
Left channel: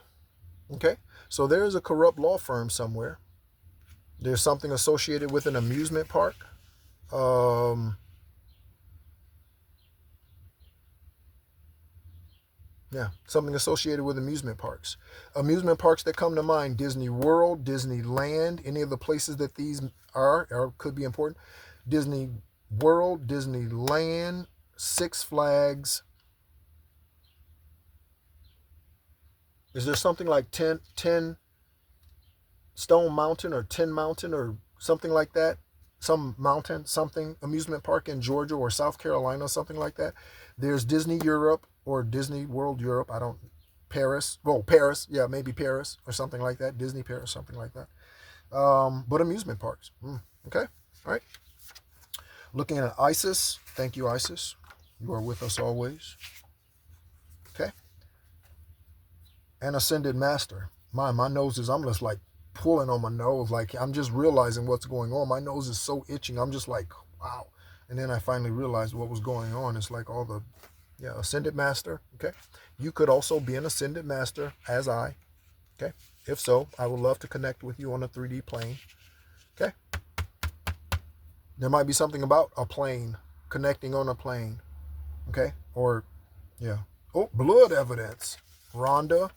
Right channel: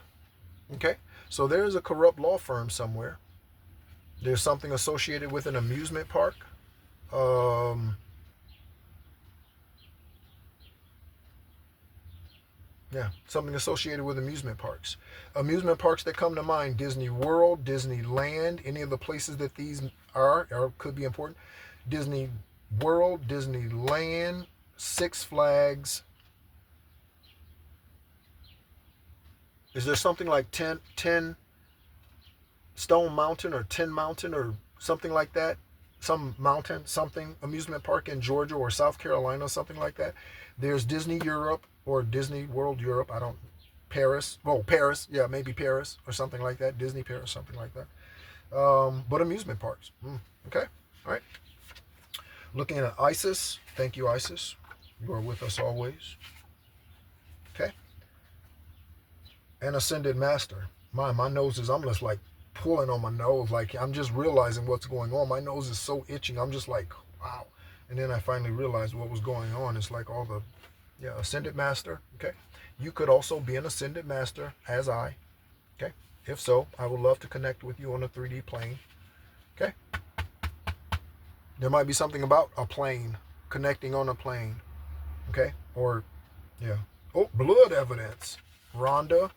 okay? So there's a corrupt law firm somewhere. There's something associated with an amusement park. Yeah, something associated with amusement parks. Amusement parks that come to mind: Disney World, Disneyland, any of the places that these are or could be important. Disney World, Disneyland, Six Flags. Is there something like 10 Stone Mountain or 10 Mountain or something like that? Some mountain, something, amusement park in Georgia or South Carolina, something like that. There's Disney Europe or Disney World Europe. Paris. Well, Paris. Yeah, maybe Paris or something like that. Disney Paris, something like that. But amusement parks. Okay. All right. Looking at Isis. Thank you, Isis. You are with us always. Okay. And Ascended Master. My nose is, I'm just like pulling on my nose. Like I'm just realizing what's going on. My nose is so itching. I'm just like, wow. And then I finally realized what was going on. It's like all the, yeah, Ascended Master. Okay. You could also be an Ascended Master as I. Okay. If so, I would love to connect with you on a 3D plane. Okay. There might be something about a plane, connecting on a plane. Okay. Or, yeah. Oh, blood evidence. Rhonda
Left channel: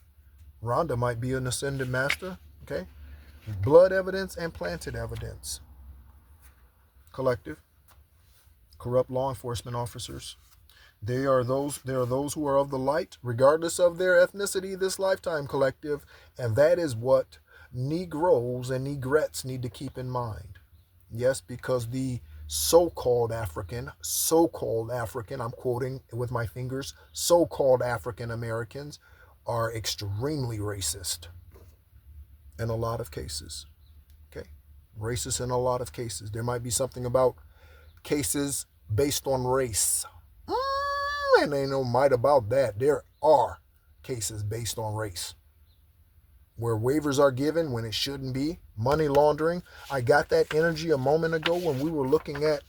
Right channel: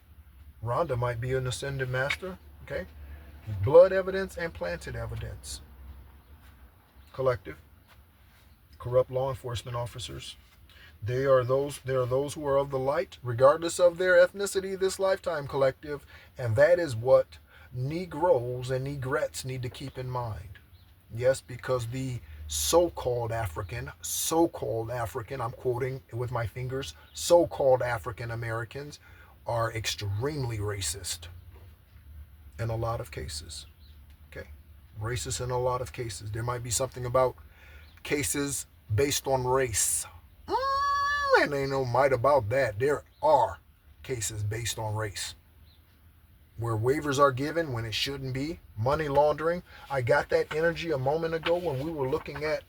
might be an Ascended Master. Okay. Blood evidence and planted evidence. Collective. Corrupt law enforcement officers. There are those who are of the light, regardless of their ethnicity this lifetime, collective. And that is what Negroes and Negrettes need to keep in mind. Yes, because the so-called African, I'm quoting with my fingers, so-called African Americans are extremely racist in a lot of cases. Okay? Racist in a lot of cases. There might be something about cases based on race. And ain't no might about that. There are cases based on race where waivers are given when it shouldn't be. Money laundering. I got that energy a moment ago when we were looking at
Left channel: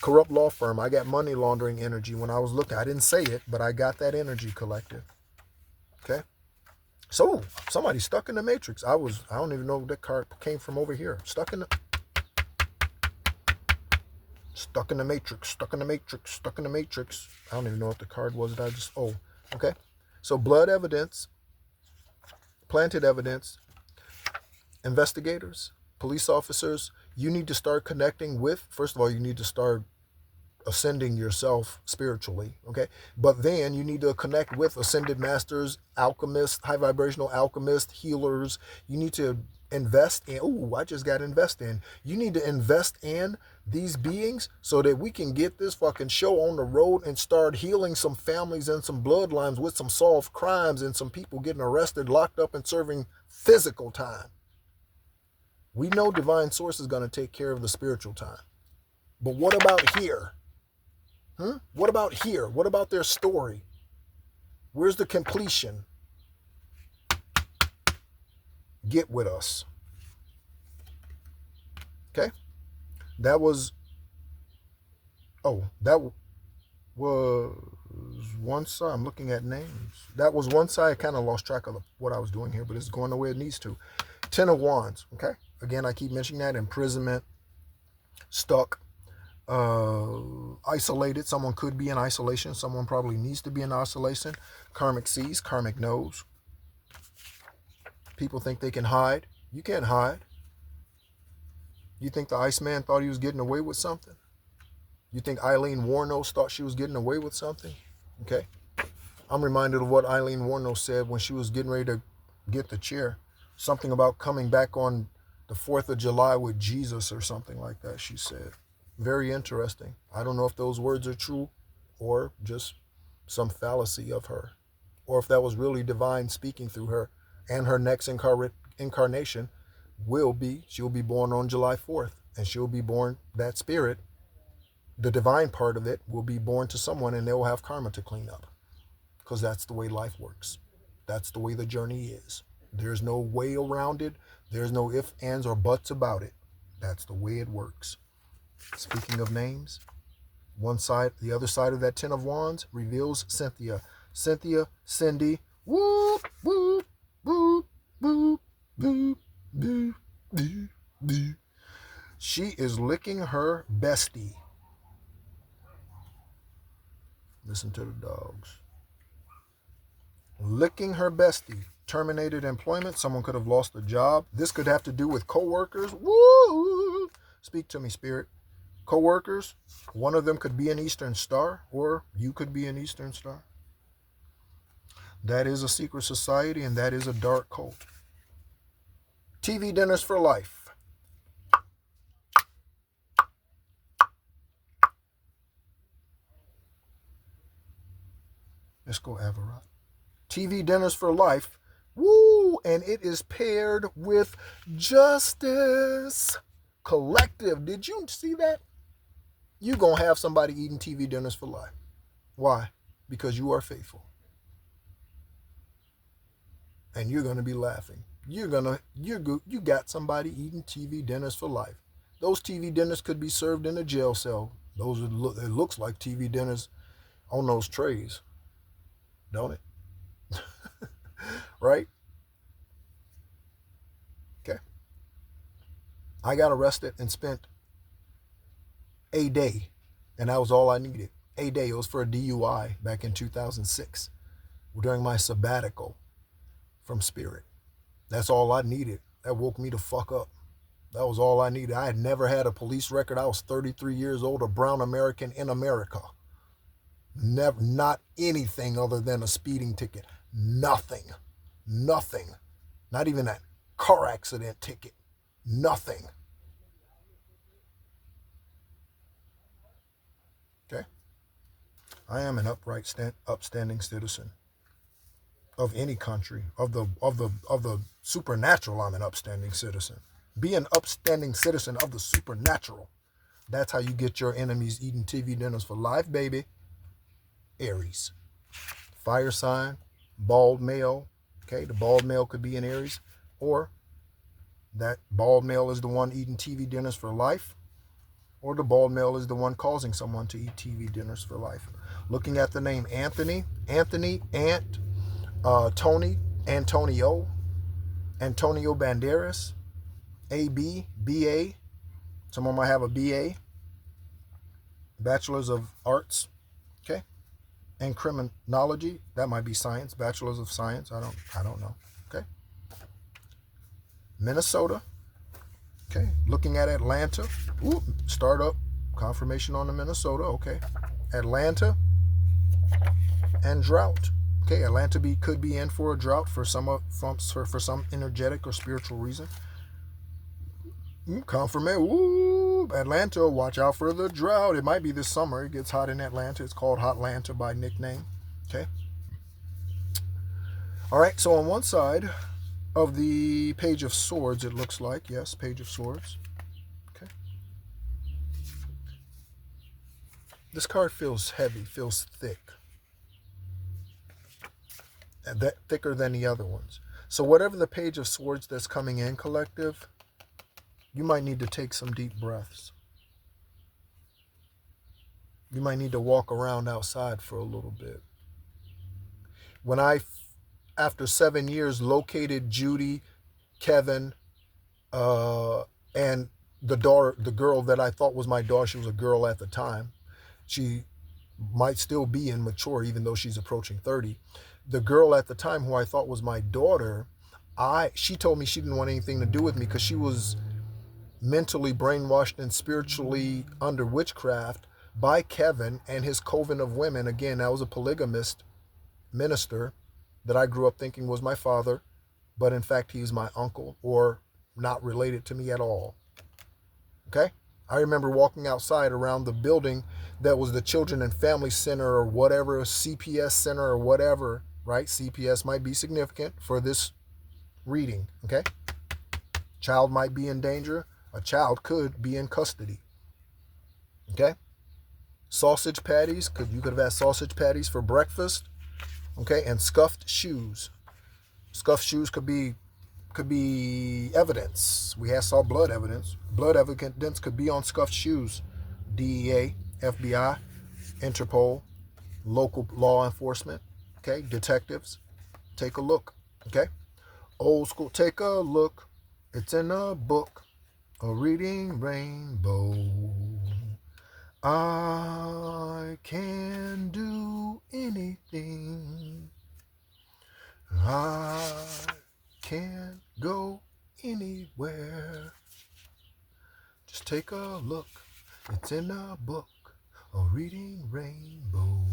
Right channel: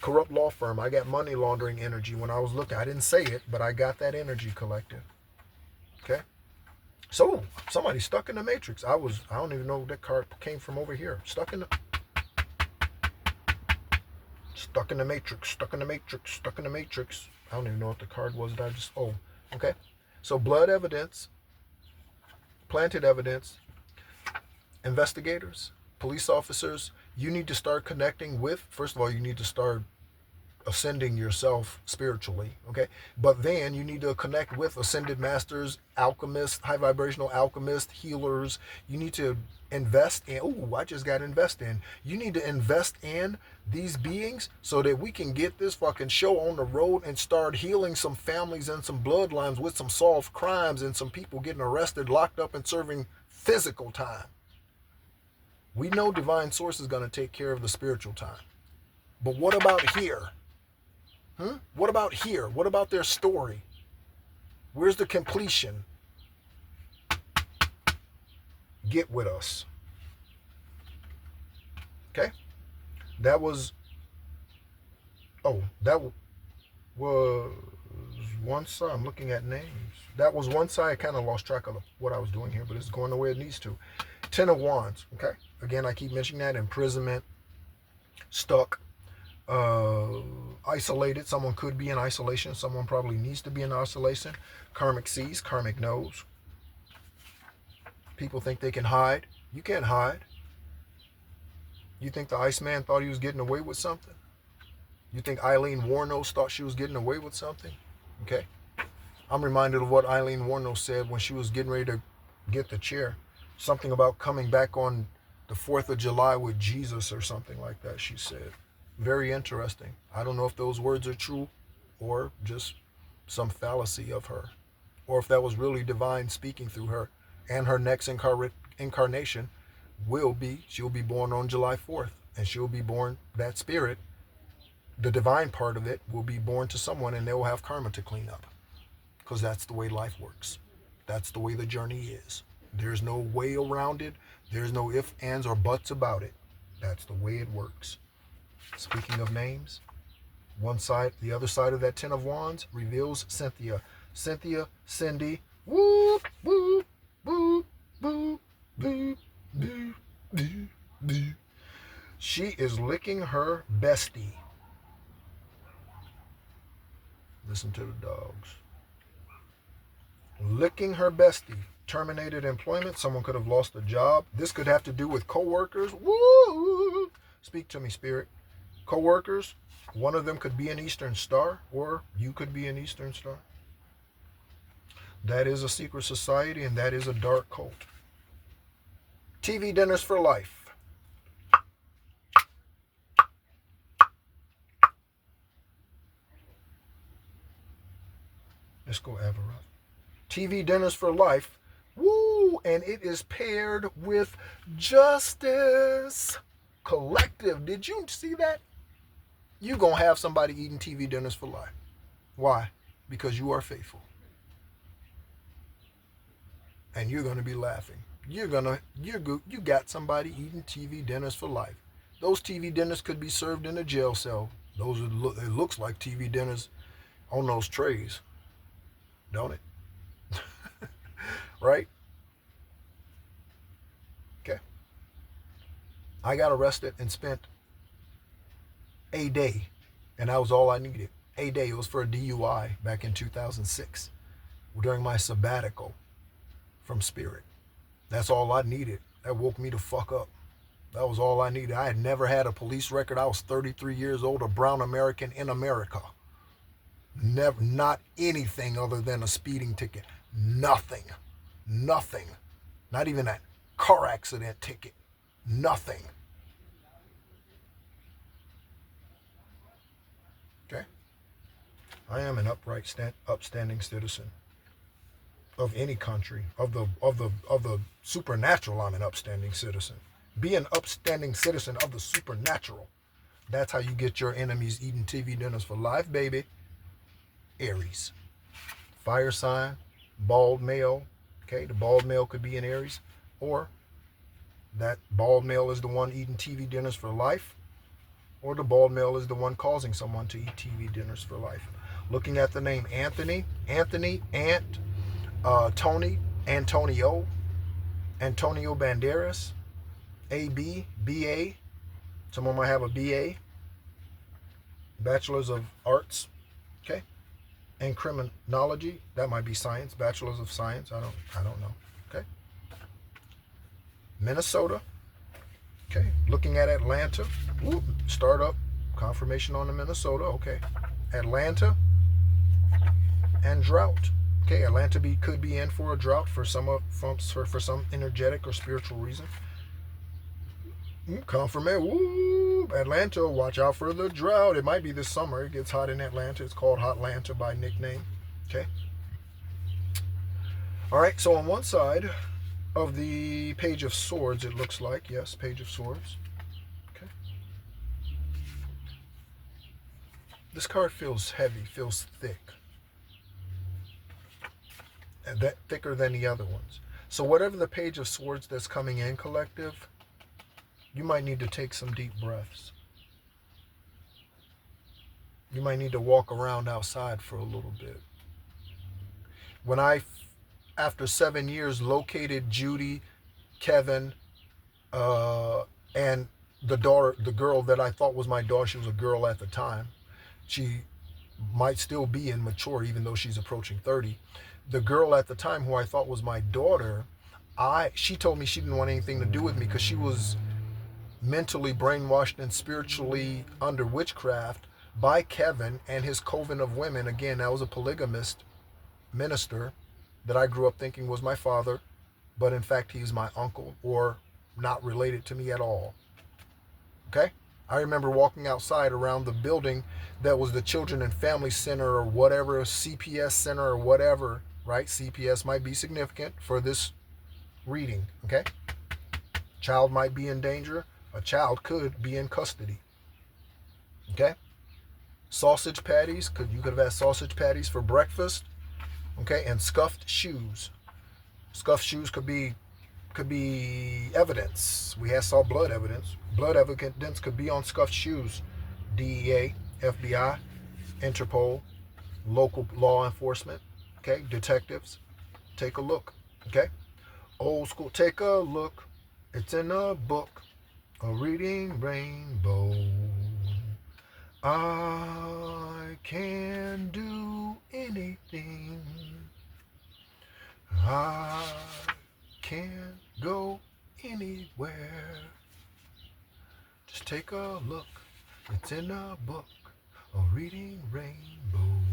corrupt law firm. I got money laundering energy when I was looking. I didn't say it, but I got that energy, collective. Okay? So, somebody stuck in the matrix. I don't even know that card came from over here. Stuck in the matrix. I don't even know what the card was that okay. So blood evidence, planted evidence, investigators, police officers, you need to start connecting with, first of all, you need to start ascending yourself spiritually, okay? But then you need to connect with ascended masters, alchemists, high vibrational alchemists, healers. You need to invest in, I just got to invest in. You need to invest in these beings so that we can get this fucking show on the road and start healing some families and some bloodlines with some solved crimes and some people getting arrested, locked up, and serving physical time. We know divine source is going to take care of the spiritual time. But what about here? What about here? What about their story? Where's the completion? Get with us. Okay? That was one side. I'm looking at names. That was one side. I kind of lost track of what I was doing here, but it's going the way it needs to. 10 of Wands. Okay? Again, I keep mentioning that. Imprisonment. Stuck. Isolated. Someone could be in isolation. Someone probably needs to be in isolation. Karmic sees, karmic knows. People think they can hide. You can't hide. You think the Iceman thought he was getting away with something? You think Eileen Wuornos thought she was getting away with something? Okay. I'm reminded of what Eileen Wuornos said when she was getting ready to get the chair. Something about coming back on the 4th of July with Jesus or something like that, she said. Very interesting. I don't know if those words are true or just some fallacy of her, or if that was really divine speaking through her. And her next incarnation she'll be born on July 4th, and she'll be born, that spirit, the divine part of it, will be born to someone, and they will have karma to clean up, because that's the way life works. That's the way the journey is. There's no way around it. There's no ifs, ands, or buts about it. That's the way it works. Speaking of names, one side, the other side of that 10 of Wands reveals Cynthia. Cynthia, Cindy, whoop, whoop, whoop, whoop, whoop, whoop, whoop, whoop. She is licking her bestie. Listen to the dogs. Licking her bestie. Terminated employment. Someone could have lost a job. This could have to do with co-workers. Woo! Speak to me, Spirit. Co-workers, one of them could be an Eastern Star, or you could be an Eastern Star. That is a secret society, and that is a dark cult. TV dinners for life. Let's go, Avera. TV dinners for life. Woo! And it is paired with justice. Collective. Did you see that? You're going to have somebody eating TV dinners for life. Why? Because you are faithful. And you're going to be laughing. You got somebody eating TV dinners for life. Those TV dinners could be served in a jail cell. It looks like TV dinners on those trays. Don't it? Right? Okay. I got arrested and spent a day, and that was all I needed. A day. It was for a DUI back in 2006 during my sabbatical from Spirit. That's all I needed. That woke me to fuck up. That was all I needed. I had never had a police record. I was 33 years old, a brown American in America. Never, not anything other than a speeding ticket. Nothing. Not even that car accident ticket. Nothing. Okay? I am an upstanding citizen of any country. Of the supernatural, I'm an upstanding citizen. Be an upstanding citizen of the supernatural. That's how you get your enemies eating TV dinners for life, baby. Aries. Fire sign, bald male. Okay, the bald male could be in Aries, or that bald male is the one eating TV dinners for life, or the bald male is the one causing someone to eat TV dinners for life. Looking at the name Anthony, Ant, Tony, Antonio Banderas, AB, BA. Someone might have a BA, Bachelor's of Arts, okay, and Criminology. That might be science, Bachelor's of Science. I don't know. Okay. Minnesota. Okay. Looking at Atlanta. Ooh, startup. Confirmation on the Minnesota. Okay. Atlanta and drought. Okay, Atlanta could be in for a drought for some energetic or spiritual reason. Confirmation. Ooh, Atlanta, watch out for the drought. It might be this summer. It gets hot in Atlanta. It's called Hotlanta by nickname. Okay. All right, so on one side of the Page of Swords, it looks like, yes, Page of Swords. Okay. This card feels heavy, feels thick. And that thicker than the other ones. So whatever the Page of Swords that's coming in, collective, you might need to take some deep breaths. You might need to walk around outside for a little bit. When I, after 7 years, located Judy, Kevin, and the girl that I thought was my daughter, she was a girl at the time. She might still be immature, even though she's approaching 30. The girl at the time who I thought was my daughter, she told me she didn't want anything to do with me because she was mentally brainwashed and spiritually under witchcraft by Kevin and his coven of women. Again, that was a polygamist minister that I grew up thinking was my father, but in fact he's my uncle or not related to me at all. Okay? I remember walking outside around the building that was the Children and Family Center or whatever, CPS Center or whatever, right? CPS might be significant for this reading, okay? Child might be in danger. A child could be in custody, okay? Sausage patties, you could have had sausage patties for breakfast, okay? And scuffed shoes. Scuffed shoes could be evidence. We saw blood evidence. Blood evidence could be on scuffed shoes. DEA, FBI, Interpol, local law enforcement, okay? Detectives, take a look, okay? Old school, take a look. It's in a book, a reading rainbow. I can do anything. I can't go anywhere. Just take a look. It's in a book, a reading rainbow.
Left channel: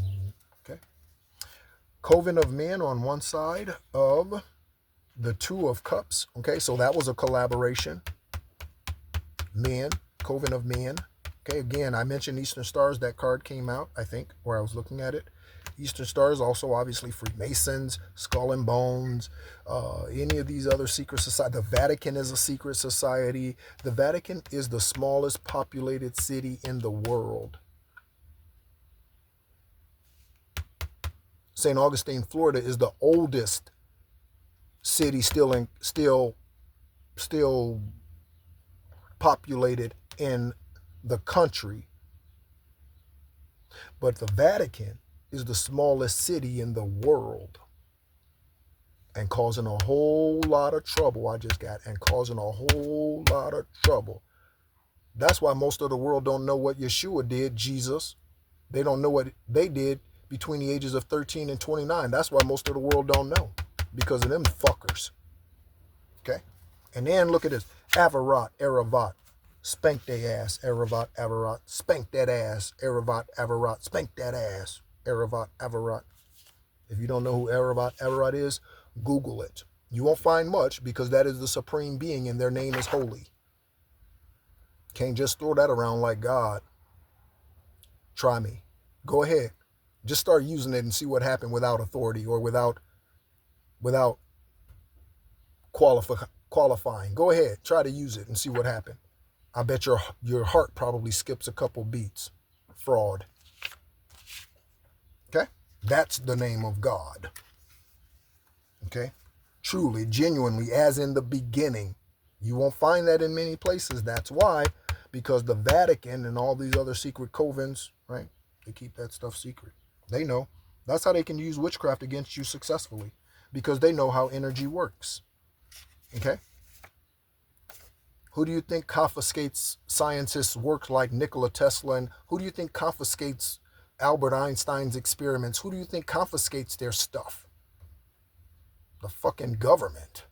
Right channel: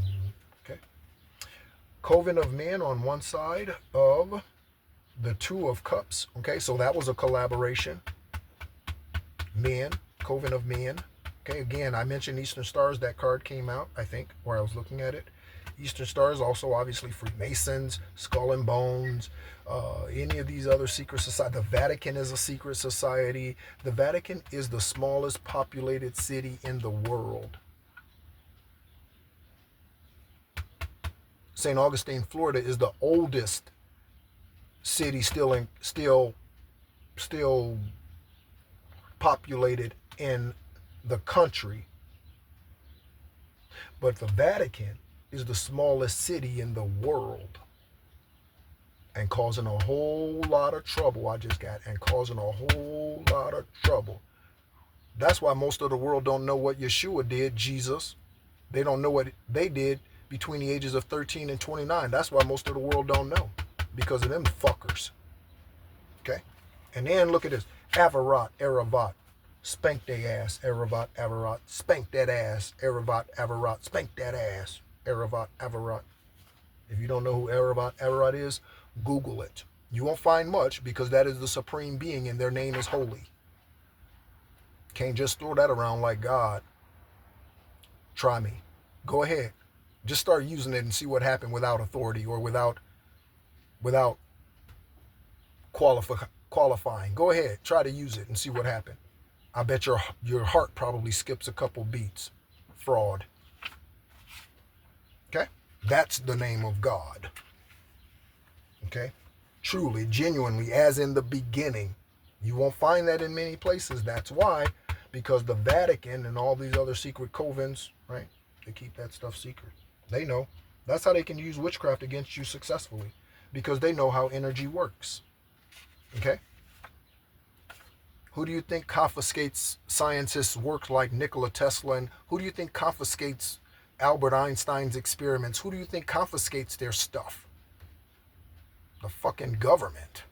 Okay. Coven of Men on one side of the Two of Cups. Okay, so that was a collaboration. Men, Coven of Men. Okay, again, I mentioned Eastern Stars. That card came out, I think, where I was looking at it. Eastern Stars, also obviously Freemasons, Skull and Bones, any of these other secret societies. The Vatican is a secret society. The Vatican is the smallest populated city in the world. St. Augustine, Florida is the oldest city still populated in the country. But the Vatican is the smallest city in the world and causing a whole lot of trouble. Causing a whole lot of trouble. That's why most of the world don't know what Yeshua did, Jesus. They don't know what they did between the ages of 13 and 29. That's why most of the world don't know, because of them fuckers. Okay? And then look at this. Avarat, Aravat. Spank they ass, Aravat, Avarat. Spank that ass, Aravat, Avarat. Spank that ass, Aravat, Avarat. If you don't know who Aravat, Avarat is, Google it. You won't find much because that is the supreme being and their name is holy. Can't just throw that around like God. Try me. Go ahead. Just start using it and see what happened without authority or without qualifying. Go ahead. Try to use it and see what happened. I bet your heart probably skips a couple beats. Fraud. Okay? That's the name of God. Okay? Truly, genuinely, as in the beginning. You won't find that in many places. That's why, because the Vatican and all these other secret covens, right? They keep that stuff secret. They know. That's how they can use witchcraft against you successfully, because they know how energy works. Okay? Who do you think confiscates scientists' work like Nikola Tesla? And who do you think confiscates Albert Einstein's experiments? Who do you think confiscates their stuff? The fucking government.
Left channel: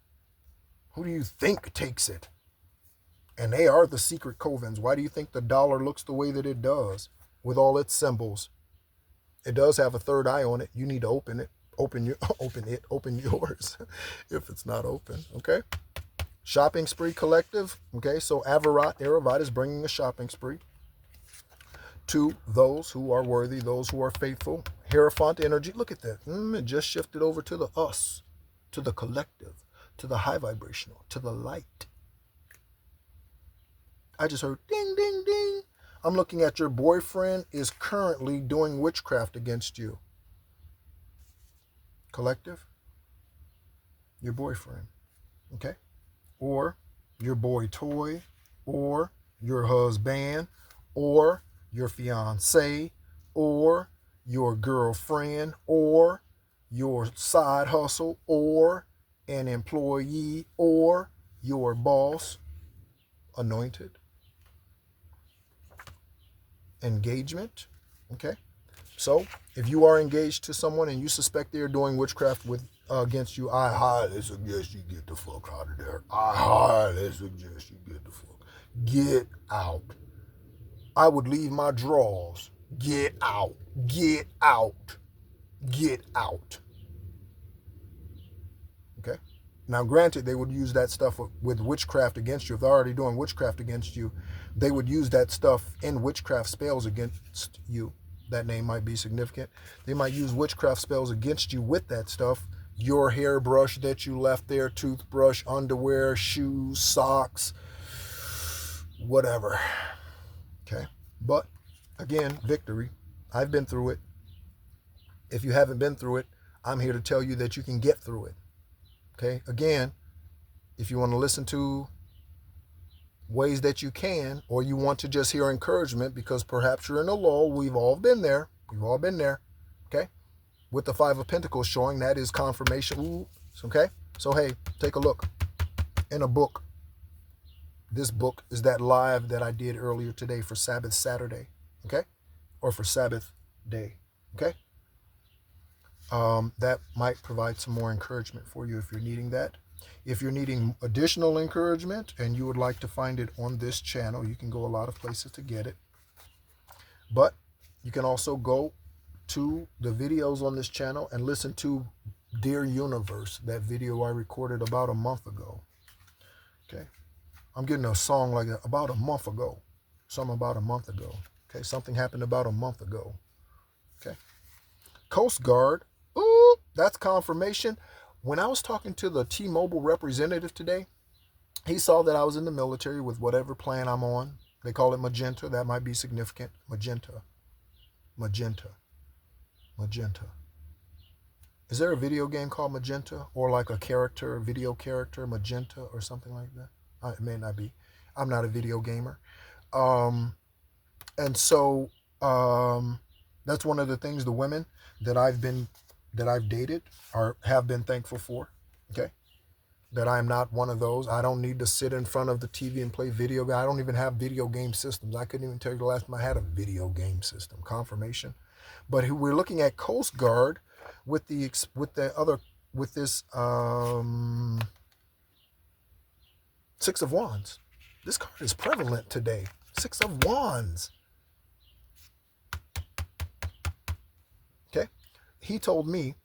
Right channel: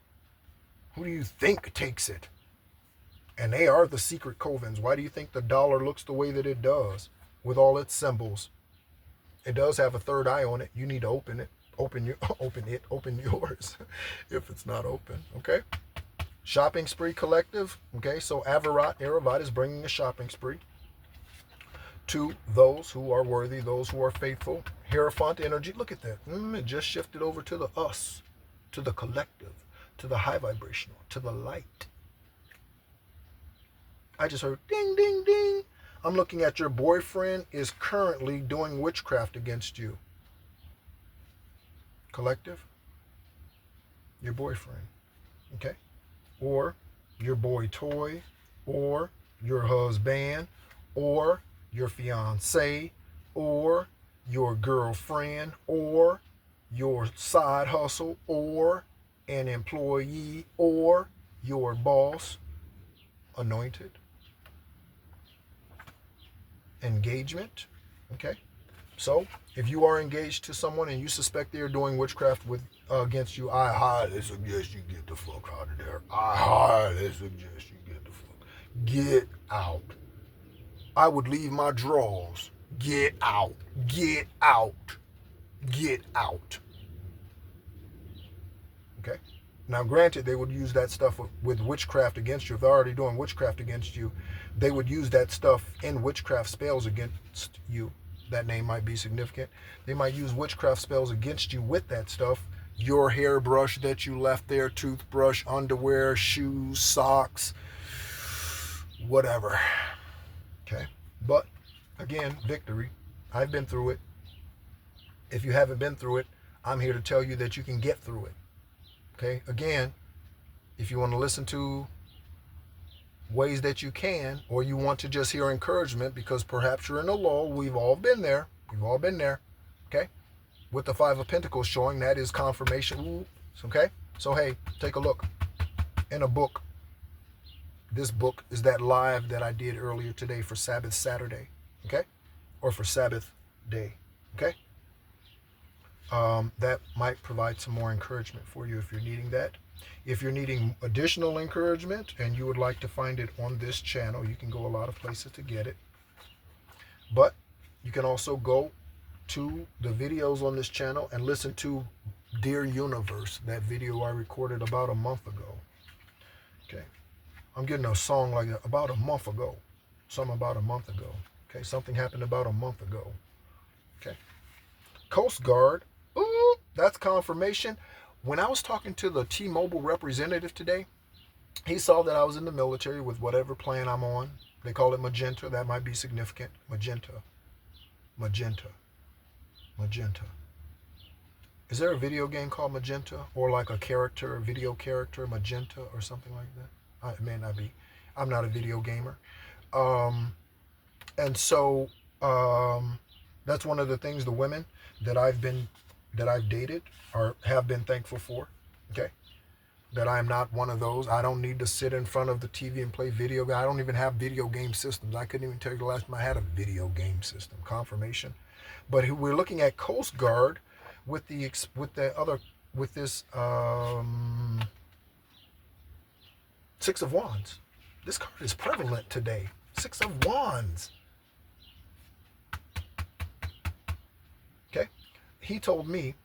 Who do you think takes it And they are the secret covens. Why do you think the dollar looks the way that it does with all its symbols? It does have a third eye on it. You need to open it. Open yours if it's not open. Okay. Shopping spree collective. Okay. So Aravat is bringing a shopping spree to those who are worthy, those who are faithful. Hierophant energy. Look at that. It just shifted over to the us, to the collective, to the high vibrational, to the light. I just heard ding, ding, ding. I'm looking at your boyfriend is currently doing witchcraft against you. Collective, your boyfriend, okay? Or your boy toy, or your husband, or your fiance, or your girlfriend, or your side hustle, or an employee, or your boss, anointed. Engagement, okay? So if you are engaged to someone and you suspect they are doing witchcraft against you, I highly suggest you get the fuck out of there. I highly suggest you get the fuck. Get out. I would leave my drawers. Get out. Get out. Get out. Okay? Now, granted, they would use that stuff with witchcraft against you. If they're already doing witchcraft against you, they would use that stuff in witchcraft spells against you. That name might be significant. They might use witchcraft spells against you with that stuff. Your hairbrush that you left there, toothbrush, underwear, shoes, socks, whatever. Okay? But, again, victory. I've been through it. If you haven't been through it, I'm here to tell you that you can get through it. Okay, again, if you want to listen to ways that you can, or you want to just hear encouragement because perhaps you're in a lull, we've all been there. We've all been there. Okay, with the Five of Pentacles showing, that is confirmation. Ooh, okay, so hey, take a look in a book. This book is that live that I did earlier today for Sabbath Saturday. Okay, or for Sabbath day. Okay. That might provide some more encouragement for you if you're needing that. If you're needing additional encouragement and you would like to find it on this channel, you can go a lot of places to get it. But you can also go to the videos on this channel and listen to Dear Universe, that video I recorded about a month ago. Okay. I'm getting a song like that, about a month ago. Something about a month ago. Okay. Something happened about a month ago. Okay. Coast Guard. Ooh, that's confirmation. When I was talking to the T-Mobile representative today, he saw that I was in the military with whatever plan I'm on. They call it magenta. That might be significant. Magenta. Magenta. Magenta. Is there a video game called Magenta? Or like a character, video character, Magenta or something like that? It may not be. I'm not a video gamer. And so that's one of the things the women that I've dated have been thankful for. Okay. That I'm not one of those. I don't need to sit in front of the TV and play video games. I don't even have video game systems. I couldn't even tell you the last time I had a video game system. Confirmation. But we're looking at Coast Guard with this Six of Wands. This card is prevalent today. Six of Wands. Okay. He told me,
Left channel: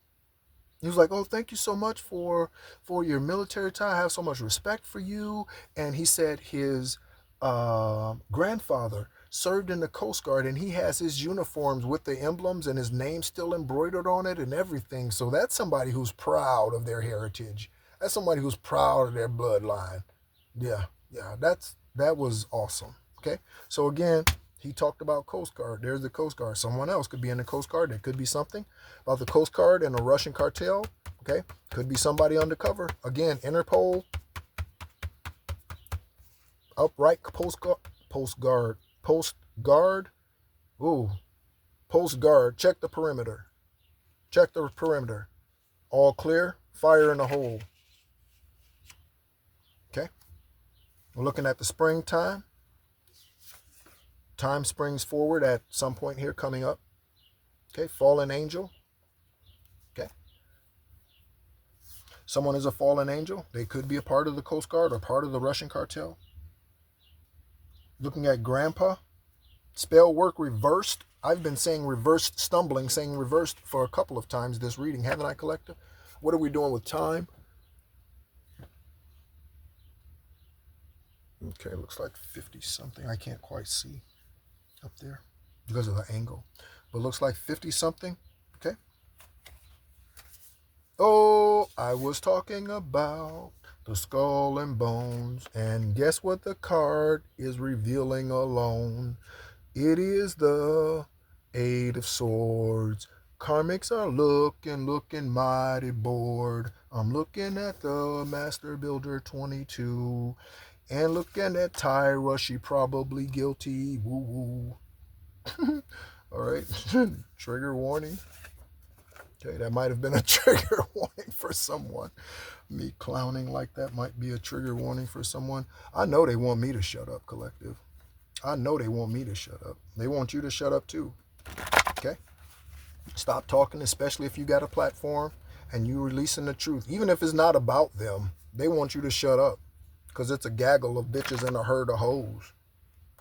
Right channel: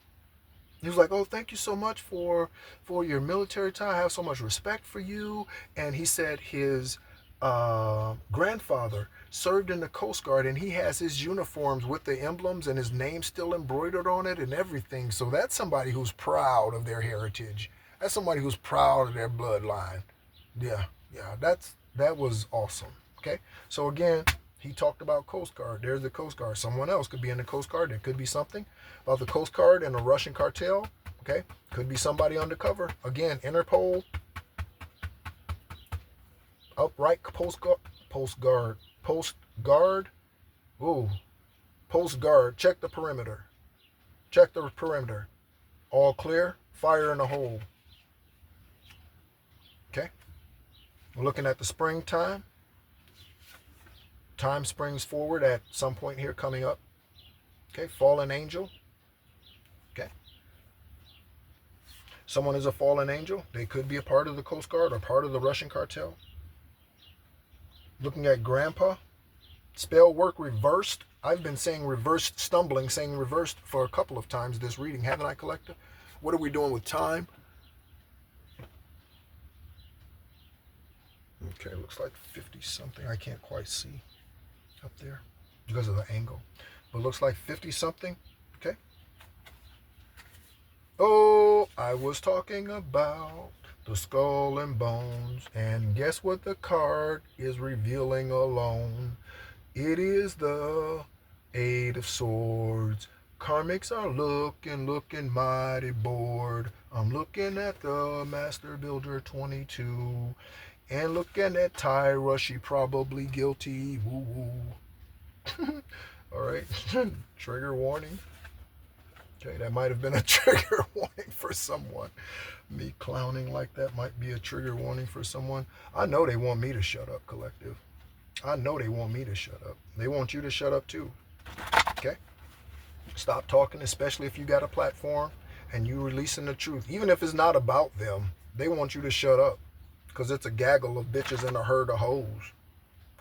he was like, oh, thank you so much for your military time. I have so much respect for you. And he said his grandfather served in the Coast Guard, and he has his uniforms with the emblems and his name still embroidered on it and everything. So that's somebody who's proud of their heritage. That's somebody who's proud of their bloodline. Yeah, that was awesome. Okay, so again, he talked about Coast Guard. There's the Coast Guard. Someone else could be in the Coast Guard. There could be something about the Coast Guard and a Russian cartel. Okay, could be somebody undercover. Again, Interpol, upright Post Guard. Ooh, Post Guard. Check the perimeter. Check the perimeter. All clear. Fire in the hole. Okay. We're looking at the springtime. Time springs forward at some point here coming up. Okay. Fallen angel. Okay. Someone is a fallen angel. They could be a part of the Coast Guard or part of the Russian cartel. Looking at Grandpa. Spell work reversed. I've been saying reversed stumbling, saying reversed for a couple of times this reading, haven't I, Collector? What are we doing with time? Okay, looks like 50 something. I can't quite see up there because of the angle. But looks like 50 something. Okay. Oh, I was talking about the skull and bones. And guess what the card is revealing alone? It is the Eight of Swords. Karmics are looking mighty bored. I'm looking at the Master Builder 22. And looking at Tyra, she probably guilty. Woo woo. All right. Trigger warning. Okay, that might have been a trigger warning for someone. Me clowning like that might be a trigger warning for someone. I know they want me to shut up, Collective. I know they want me to shut up. They want you to shut up too. Okay? Stop talking, especially if you got a platform and you releasing the truth. Even if it's not about them, they want you to shut up. Because it's a gaggle of bitches and a herd of hoes.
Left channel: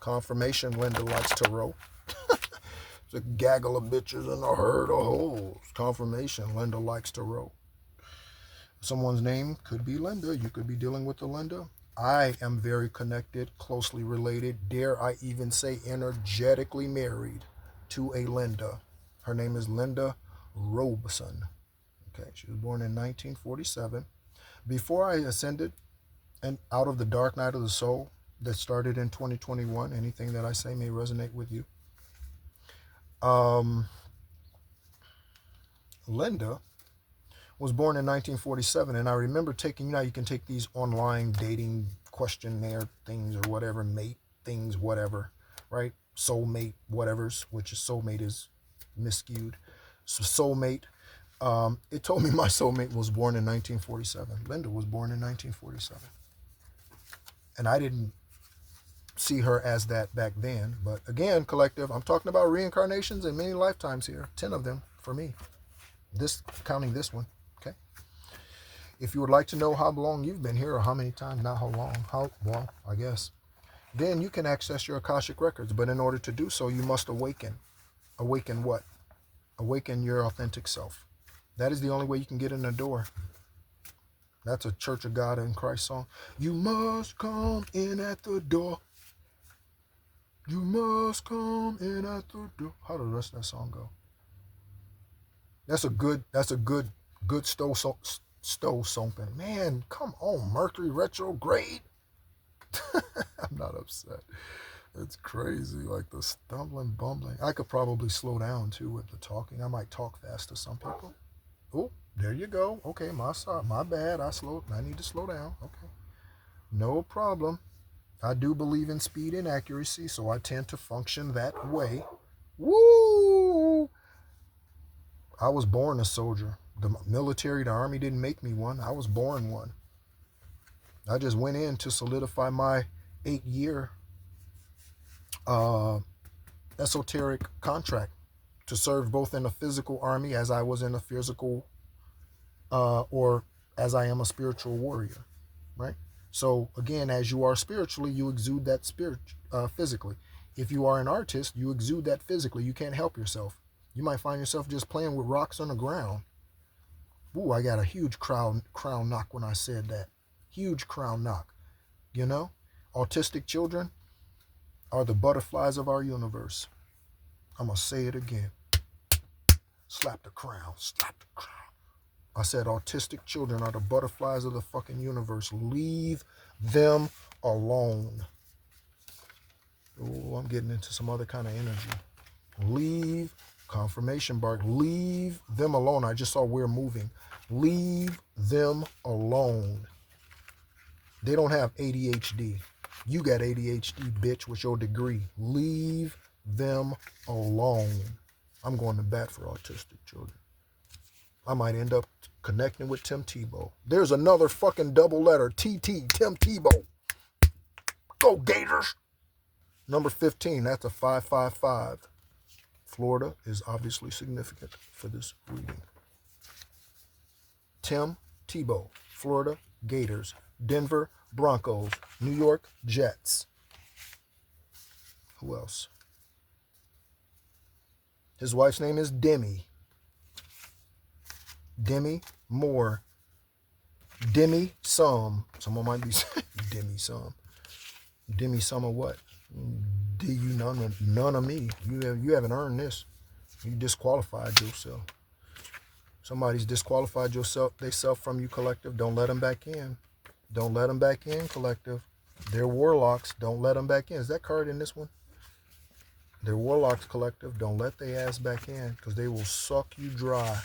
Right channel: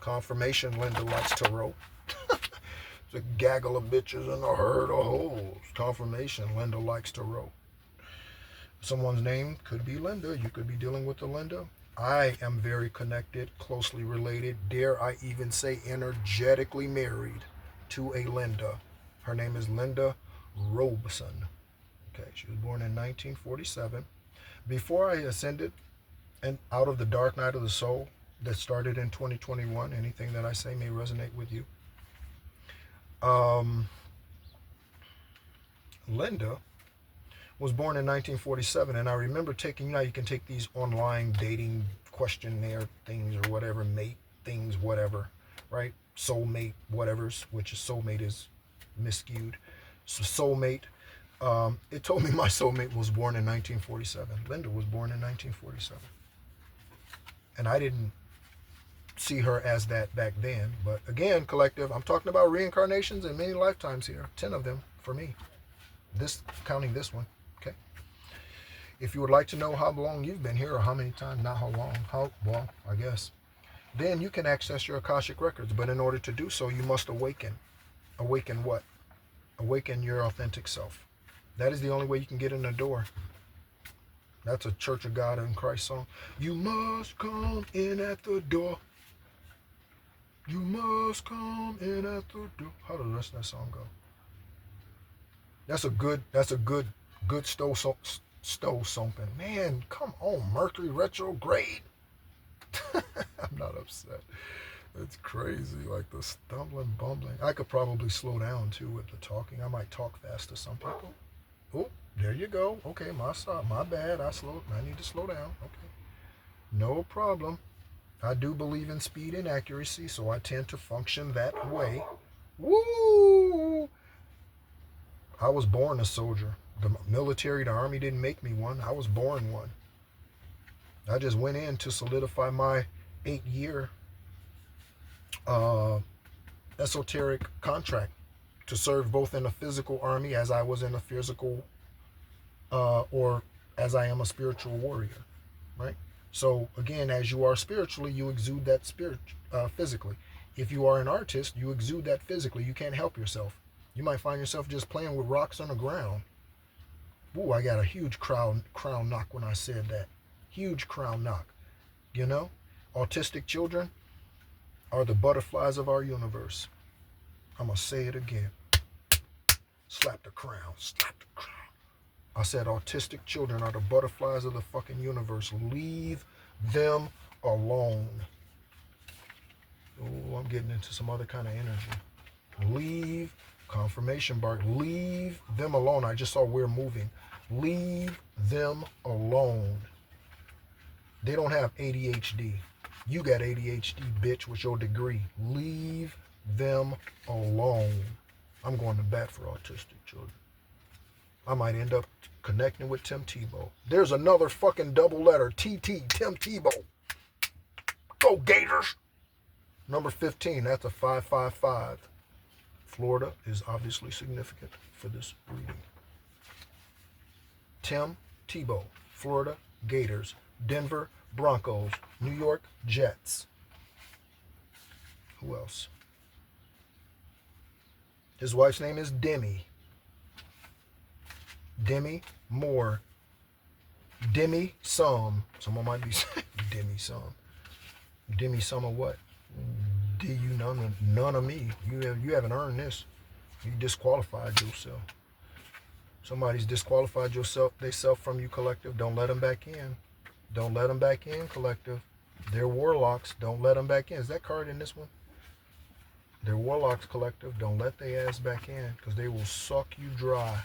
Confirmation Linda likes tarot. It's a gaggle of bitches and a herd of hoes. Confirmation Linda likes tarot. Someone's name could be Linda. You could be dealing with a Linda. I am very connected, closely related, dare I even say energetically married to a Linda. Her name is Linda Robeson. Okay, she was born in 1947. Before I ascended and out of the dark night of the soul that started in 2021, anything that I say may resonate with you. Linda was born in 1947, and I remember taking, you can take these online dating questionnaire things or whatever, mate things, whatever, right? Soulmate, whatever's, which is soulmate is miscued. So soulmate, it told me my soulmate was born in 1947. Linda was born in 1947. And I didn't see her as that back then. But again, Collective, I'm talking about reincarnations and many lifetimes here. 10 of them for me. This, counting this one. Okay. If you would like to know how long you've been here or how many times, not how long, well, I guess, then you can access your Akashic records. But in order to do so, you must awaken. Awaken what? Awaken your authentic self. That is the only way you can get in the door. That's a Church of God in Christ song. You must come in at the door. You must come in at the door. How does the rest of that song go? That's a good stove something. Man, come on, Mercury retrograde. I'm not upset. It's crazy, like the stumbling, bumbling. I could probably slow down too with the talking. I might talk fast to some people. Oh, there you go. Okay, my bad. I need to slow down. Okay, no problem. I do believe in speed and accuracy, so I tend to function that way. Woo! I was born a soldier. The military, the army didn't make me one. I was born one. I just went in to solidify my 8-year esoteric contract to serve both in a physical army as I was in a physical or as I am a spiritual warrior, right? So again, as you are spiritually, you exude that spirit physically. If you are an artist, you exude that physically. You can't help yourself. You might find yourself just playing with rocks on the ground. Ooh, I got a huge crown knock when I said that. Huge crown knock. You know, autistic children are the butterflies of our universe. I'm going to say it again. Slap the crown. Slap the crown. I said autistic children are the butterflies of the fucking universe. Leave them alone. Oh, I'm getting into some other kind of energy. Leave, confirmation bark, leave them alone. I just saw we're moving. Leave them alone. They don't have ADHD. You got ADHD, bitch, with your degree. Leave them alone. I'm going to bat for autistic children. I might end up connecting with Tim Tebow. There's another fucking double letter. TT, Tim Tebow. Go Gators. Number 15, that's a 555. Florida is obviously significant for this reading. Tim Tebow, Florida Gators, Denver Broncos, New York Jets. Who else? His wife's name is Demi. Demi Moore. Demi Sum. Someone might be saying Demi Sum. Demi Sum of what? Do you none of me? You haven't earned this. You disqualified yourself. Somebody's disqualified they self from you, collective. Don't let them back in. Don't let them back in, collective. They're warlocks. Don't let them back in. Is that card in this one? They're warlocks, collective. Don't let their ass back in, because they will suck you dry,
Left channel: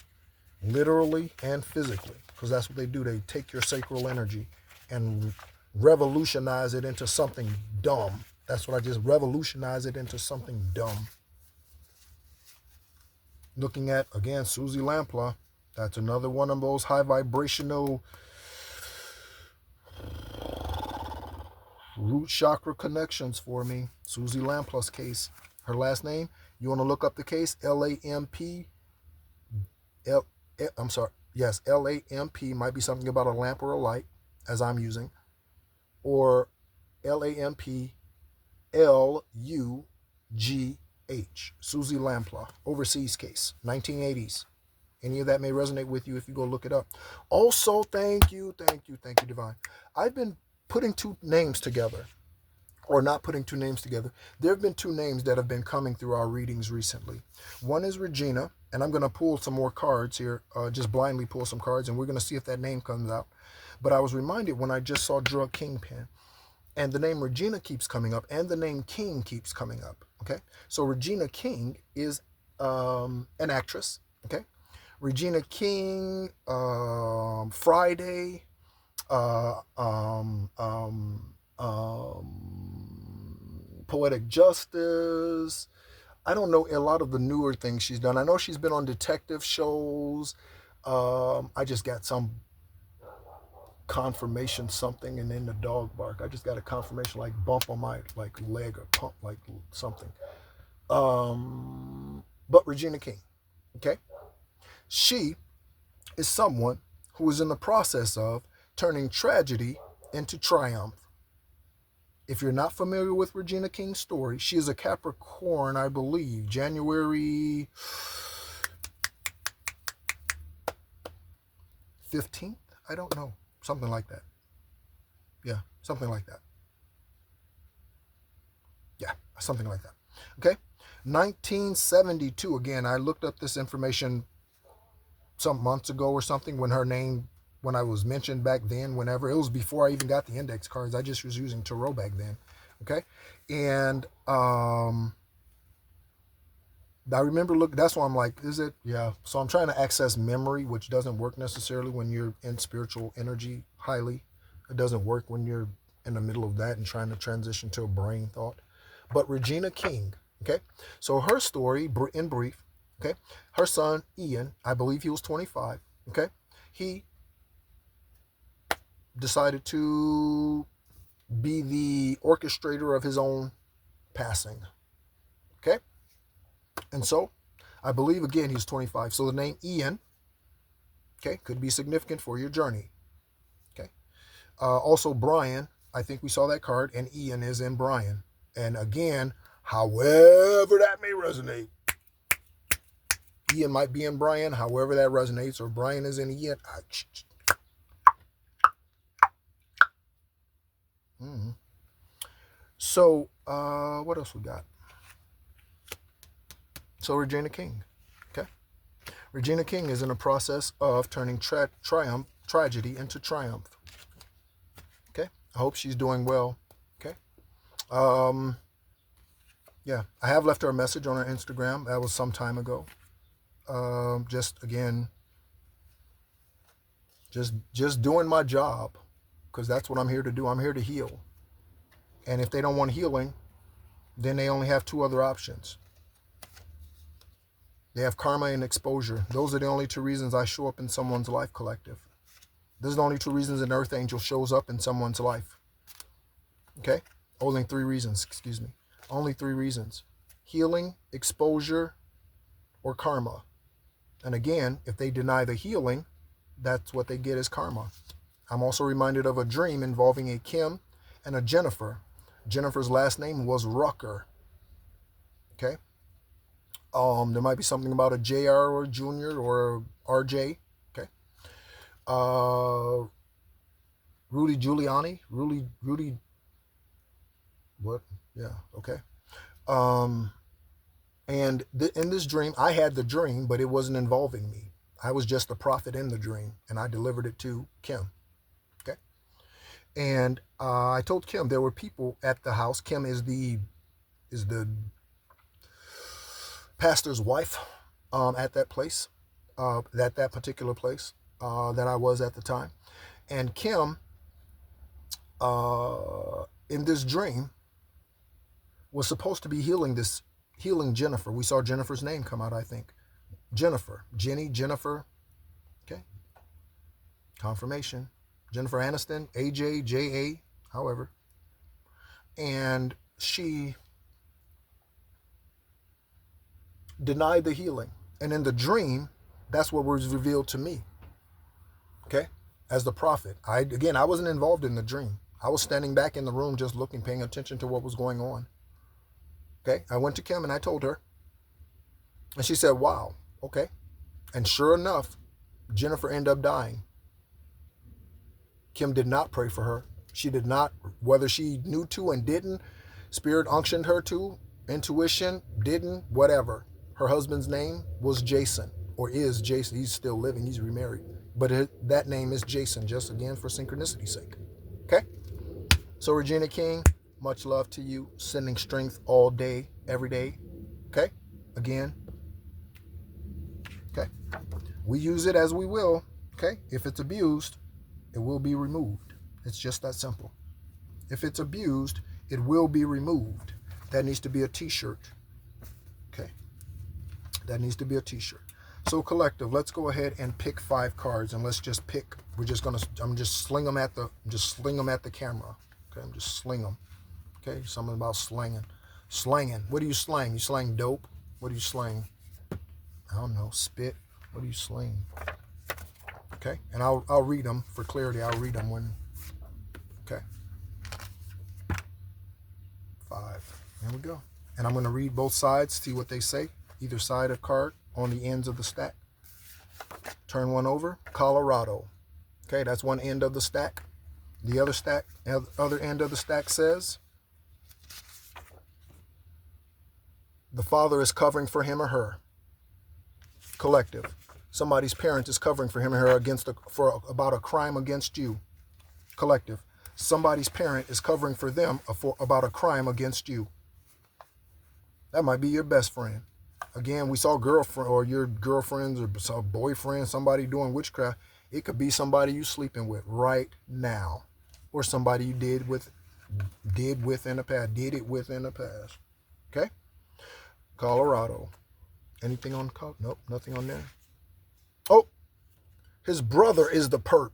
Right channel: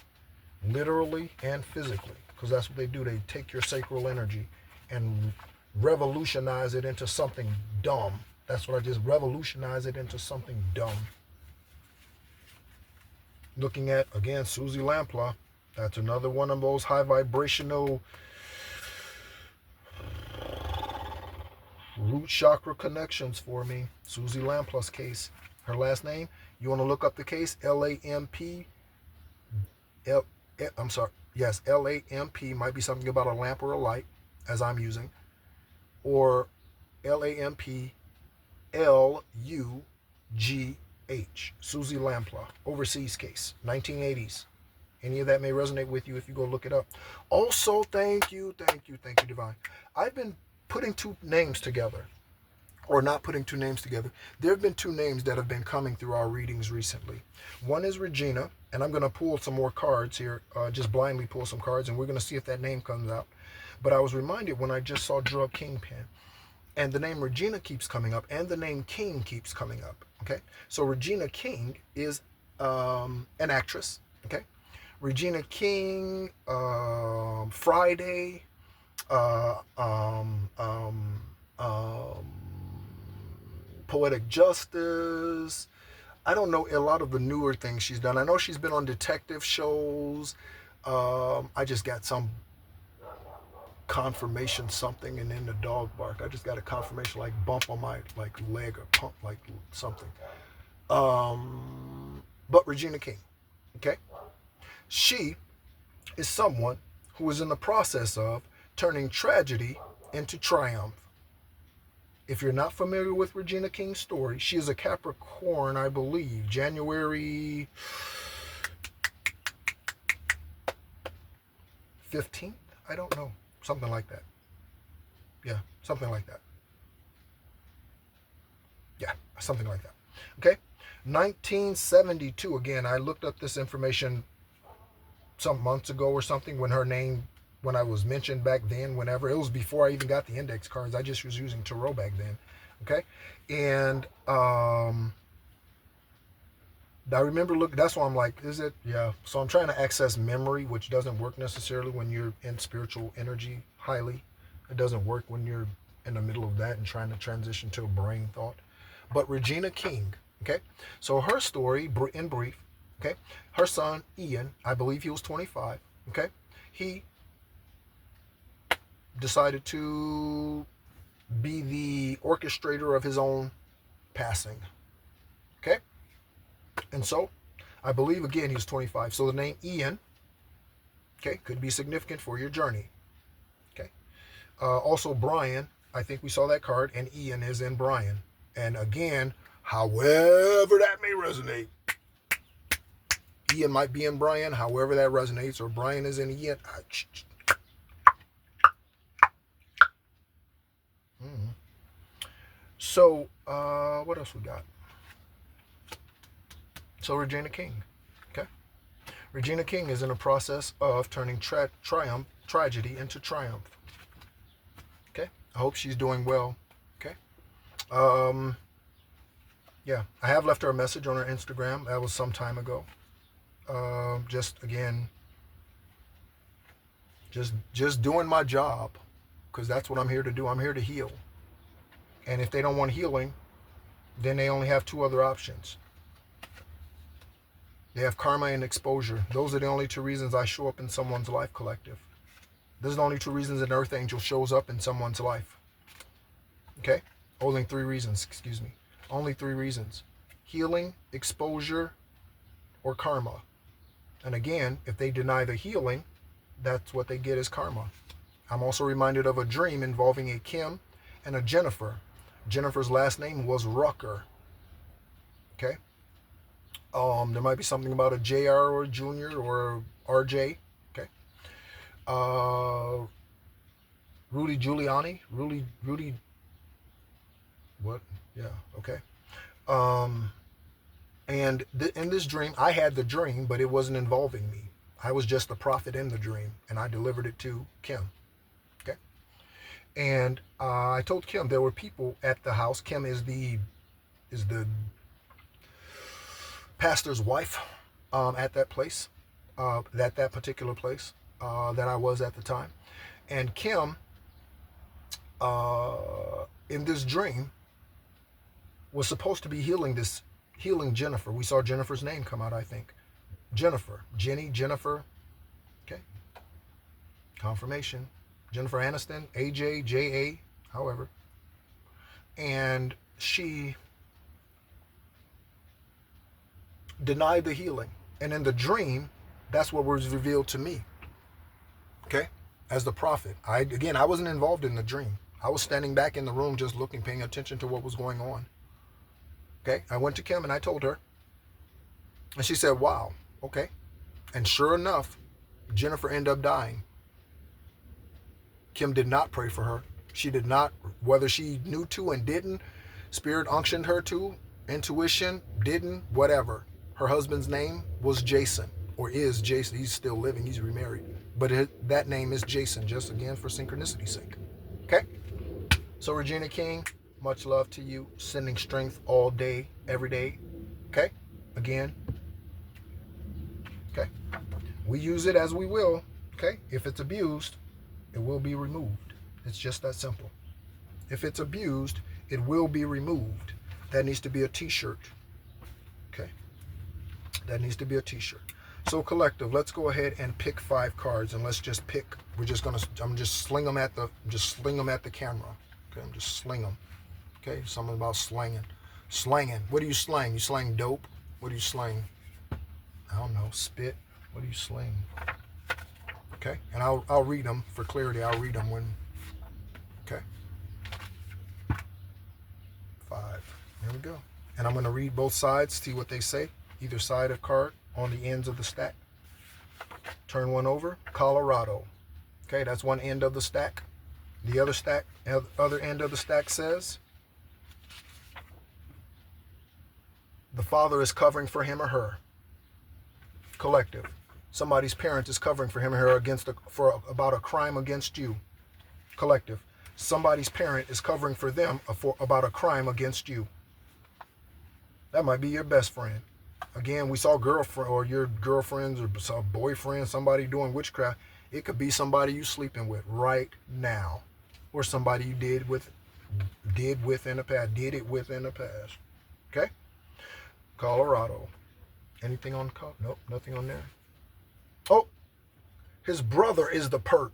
literally and physically, because that's what they do. They take your sacral energy and revolutionize it into something dumb. That's what I just revolutionize it into something dumb. Looking at, again, Susie Lampla. That's another one of those high vibrational root chakra connections for me. Susie Lampla's case. Her last name, you want to look up the case, L-A-M-P. I'm sorry. Yes, L-A-M-P. Might be something about a lamp or a light, as I'm using. Or L-A-M-P L-U-G-H. Susie Lampla. Overseas case. 1980s. Any of that may resonate with you if you go look it up. Also, thank you, Divine. I've been putting two names together, or not putting two names together. There have been two names that have been coming through our readings recently. One is Regina, and I'm going to pull some more cards here, just blindly pull some cards, and we're going to see if that name comes out. But I was reminded when I just saw Drug Kingpin, and the name Regina keeps coming up, and the name King keeps coming up, okay? So Regina King is an actress, okay? Regina King, Friday, Poetic Justice. I don't know a lot of the newer things she's done. I know she's been on detective shows. I just got some confirmation something, and then the dog bark. I just got a confirmation, like bump on my leg or pump like something. But Regina King, okay? She is someone who is in the process of turning tragedy into triumph. If you're not familiar with Regina King's story, she is a Capricorn, I believe, January 15th? I don't know. Something like that. Yeah, something like that. Yeah, something like that. Okay? 1972. Again, I looked up this information some months ago or something when I was mentioned back then, whenever. It was before I even got the index cards. I just was using tarot back then. Okay? And I remember that's why I'm like, is it? Yeah. So I'm trying to access memory, which doesn't work necessarily when you're in spiritual energy highly. It doesn't work when you're in the middle of that and trying to transition to a brain thought. But Regina King, okay? So her story, in brief, okay? Her son, Ian, I believe he was 25, okay? He decided to be the orchestrator of his own passing, okay? And so, I believe, again, he was 25. So the name Ian, okay, could be significant for your journey, okay? Also, Brian, I think we saw that card, and Ian is in Brian. And again, however that may resonate, Ian might be in Brian, however that resonates, or Brian is in Ian. So, what else we got? So, Regina King, okay? Regina King is in the process of turning tragedy into triumph, okay? I hope she's doing well, okay? Yeah, I have left her a message on her Instagram. That was some time ago. Just, again, just doing my job, because that's what I'm here to do. I'm here to heal. And if they don't want healing, then they only have two other options. They have karma and exposure. Those are the only two reasons I show up in someone's life, collective. Those are the only two reasons an earth angel shows up in someone's life. Okay? Only three reasons, excuse me. Only three reasons. Healing, exposure, or karma. And again, if they deny the healing, that's what they get as karma. I'm also reminded of a dream involving a Kim and a Jennifer. Jennifer's last name was Rucker. Okay. There might be something about a JR or a Junior or a RJ. Okay. Uh, Rudy Giuliani. Rudy. What? Yeah. Okay. Um, and in this dream, I had the dream, but it wasn't involving me. I was just the prophet in the dream, and I delivered it to Kim. Okay. And I told Kim there were people at the house. Kim is the pastor's wife at that place, that particular place that I was at the time. And Kim, in this dream, was supposed to be healing Jennifer. We saw Jennifer's name come out, I think. Jennifer, Jenny, Jennifer. Okay. Confirmation. Jennifer Aniston, AJ, JA, however. And she denied the healing. And in the dream, that's what was revealed to me. Okay? As the prophet. I wasn't involved in the dream. I was standing back in the room just looking, paying attention to what was going on. Okay? I went to Kim and I told her. And she said, wow, okay. And sure enough, Jennifer ended up dying. Kim did not pray for her. She did not, whether she knew to and didn't, Spirit unctioned her to, intuition, didn't, whatever. Her husband's name was Jason, or is Jason. He's still living. He's remarried. But that name is Jason, just again for synchronicity's sake. Okay? So Regina King, much love to you. Sending strength all day, every day. Okay? Again. Okay? We use it as we will. Okay? If it's abused, it will be removed. It's just that simple. If it's abused, it will be removed. That needs to be a t-shirt. Okay. That needs to be a t-shirt. So collective, let's go ahead and pick 5 cards and let's just pick. I'm just sling them at the camera. Okay, I'm just sling them. Okay, something about slanging. Slanging. What do you slang? You slang dope? What do you slang? I don't know. Spit. What do you slang? Okay, and I'll read them for clarity. I'll read them when. Okay. 5. There we go. And I'm going to read both sides, see what they say. Either side of card on the ends of the stack. Turn one over. Colorado. Okay, that's one end of the stack. The other end of the stack says, the father is covering for him or her. Collective. Somebody's parent is covering for him or her about a crime against you. Collective. Somebody's parent is covering for them about a crime against you. That might be your best friend. Again, we saw girlfriend or your girlfriends or boyfriend, somebody doing witchcraft. It could be somebody you sleeping with right now, or somebody you did it with in the past. Okay. Colorado. Anything on call? Nope, nothing on there. Oh, his brother is the perp.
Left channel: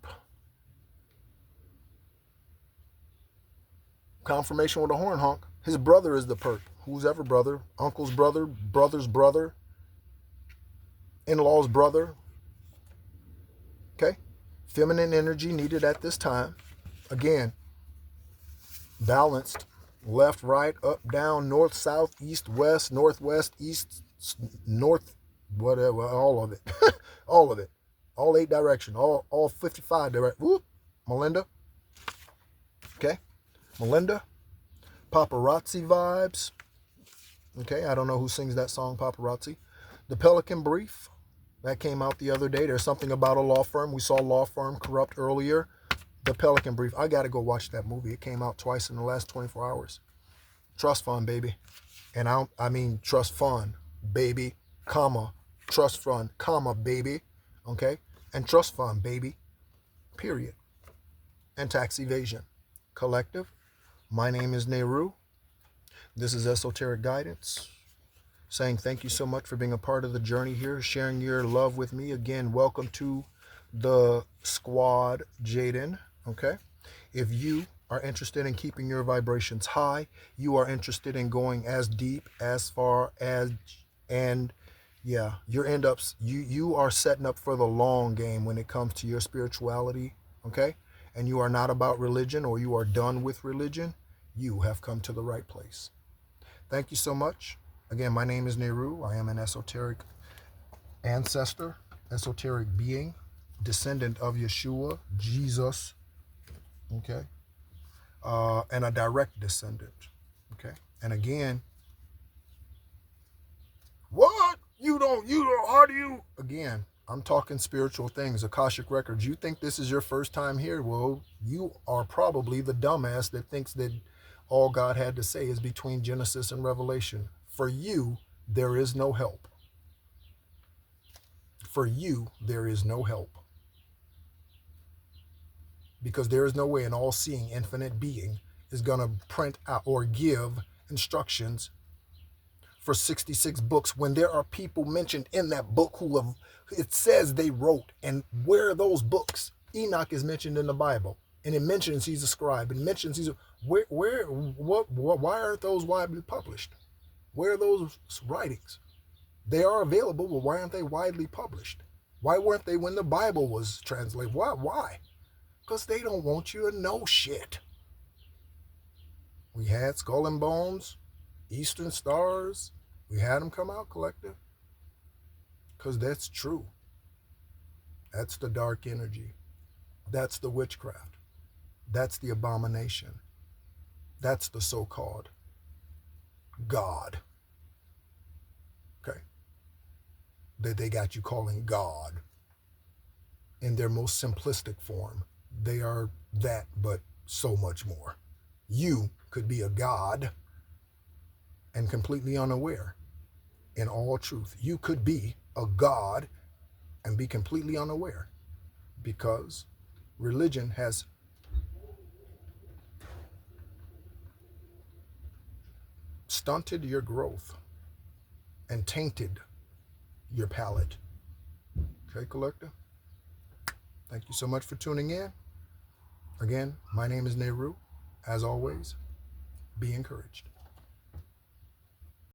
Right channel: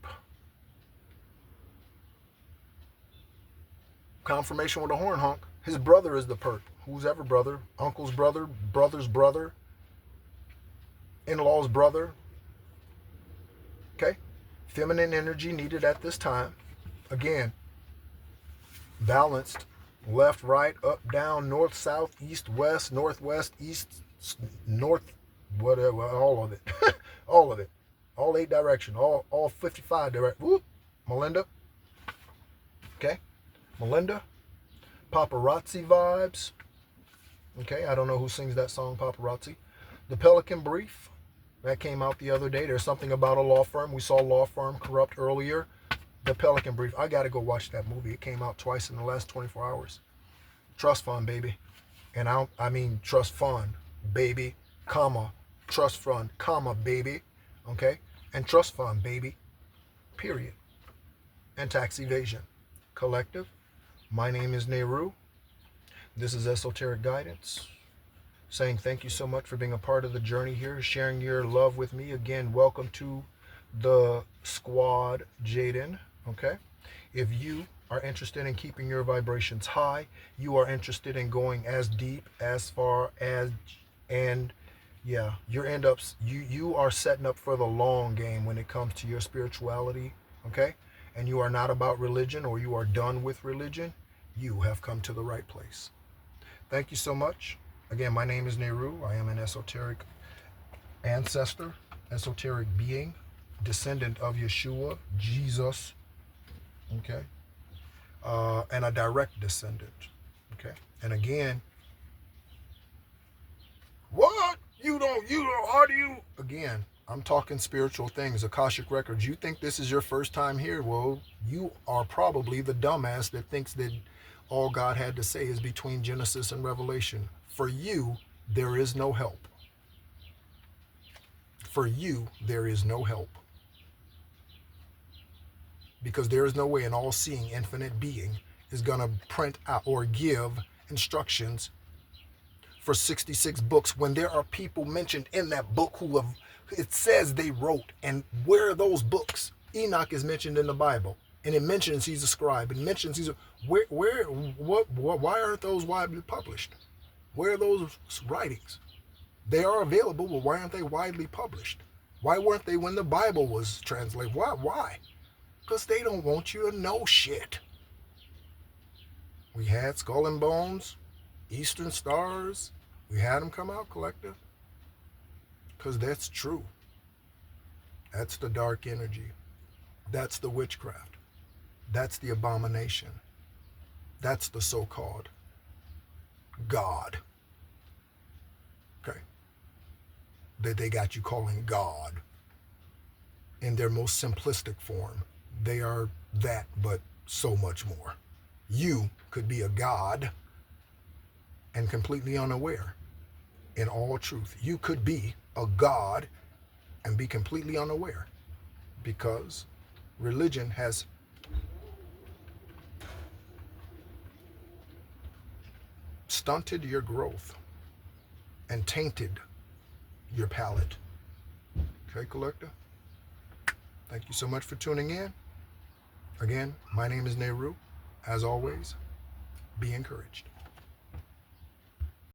Confirmation with a horn honk. His brother is the perp. Who's ever brother? Uncle's brother, brother's brother, in-law's brother. Okay? Feminine energy needed at this time. Again, balanced. Left, right, up, down, north, south, east, west, northwest, east, north, whatever, all of it. All of it. All 8 directions. All 55 directions. Whoop. Melinda. Okay? Melinda. Paparazzi vibes. Okay, I don't know who sings that song, Paparazzi. The Pelican Brief. That came out the other day. There's something about a law firm. We saw law firm corrupt earlier. The Pelican Brief. I got to go watch that movie. It came out twice in the last 24 hours. Trust fund, baby. And I mean trust fund, baby, comma, trust fund, comma, baby. Okay? And trust fund, baby. Period. And tax evasion. Collective. My name is Nehru. This is Esoteric Guidance. Saying thank you so much for being a part of the journey here, sharing your love with me. Again, welcome to the squad, Jaden. Okay? If you are interested in keeping your vibrations high, you are interested in going as deep, as far as, and yeah, you are setting up for the long game when it comes to your spirituality. Okay? And you are not about religion, or you are done with religion, you have come to the right place. Thank you so much. Again, my name is Nehru. I am an esoteric ancestor, esoteric being, descendant of Yeshua, Jesus, okay, and a direct descendant, okay. And again, what? You don't, how do you, again, I'm talking spiritual things, Akashic Records. You think this is your first time here? Well, you are probably the dumbass that thinks that all God had to say is between Genesis and Revelation. For you, there is no help. For you, there is no help. Because there is no way an all-seeing infinite being is going to print out or give instructions for 66 books when there are people mentioned in that book who have, it says they wrote. And where are those books? Enoch is mentioned in the Bible, and it mentions he's a scribe, and mentions he's a, why aren't those widely published? Where are those writings? They are available, but why aren't they widely published? Why weren't they when the Bible was translated? Why? Because they don't want you to know shit. We had Skull and Bones, Eastern Stars. We had them come out, collective. Because that's true. That's the dark energy. That's the witchcraft. That's the abomination. That's the so-called God. Okay. That they got you calling God in their most simplistic form. They are that, but so much more. You could be a God and completely unaware in all truth. You could be a God and be completely unaware, because religion has stunted your growth and tainted your palate. Okay, collector? Thank you so much for tuning in. Again, my name is Nehru. As always, be encouraged.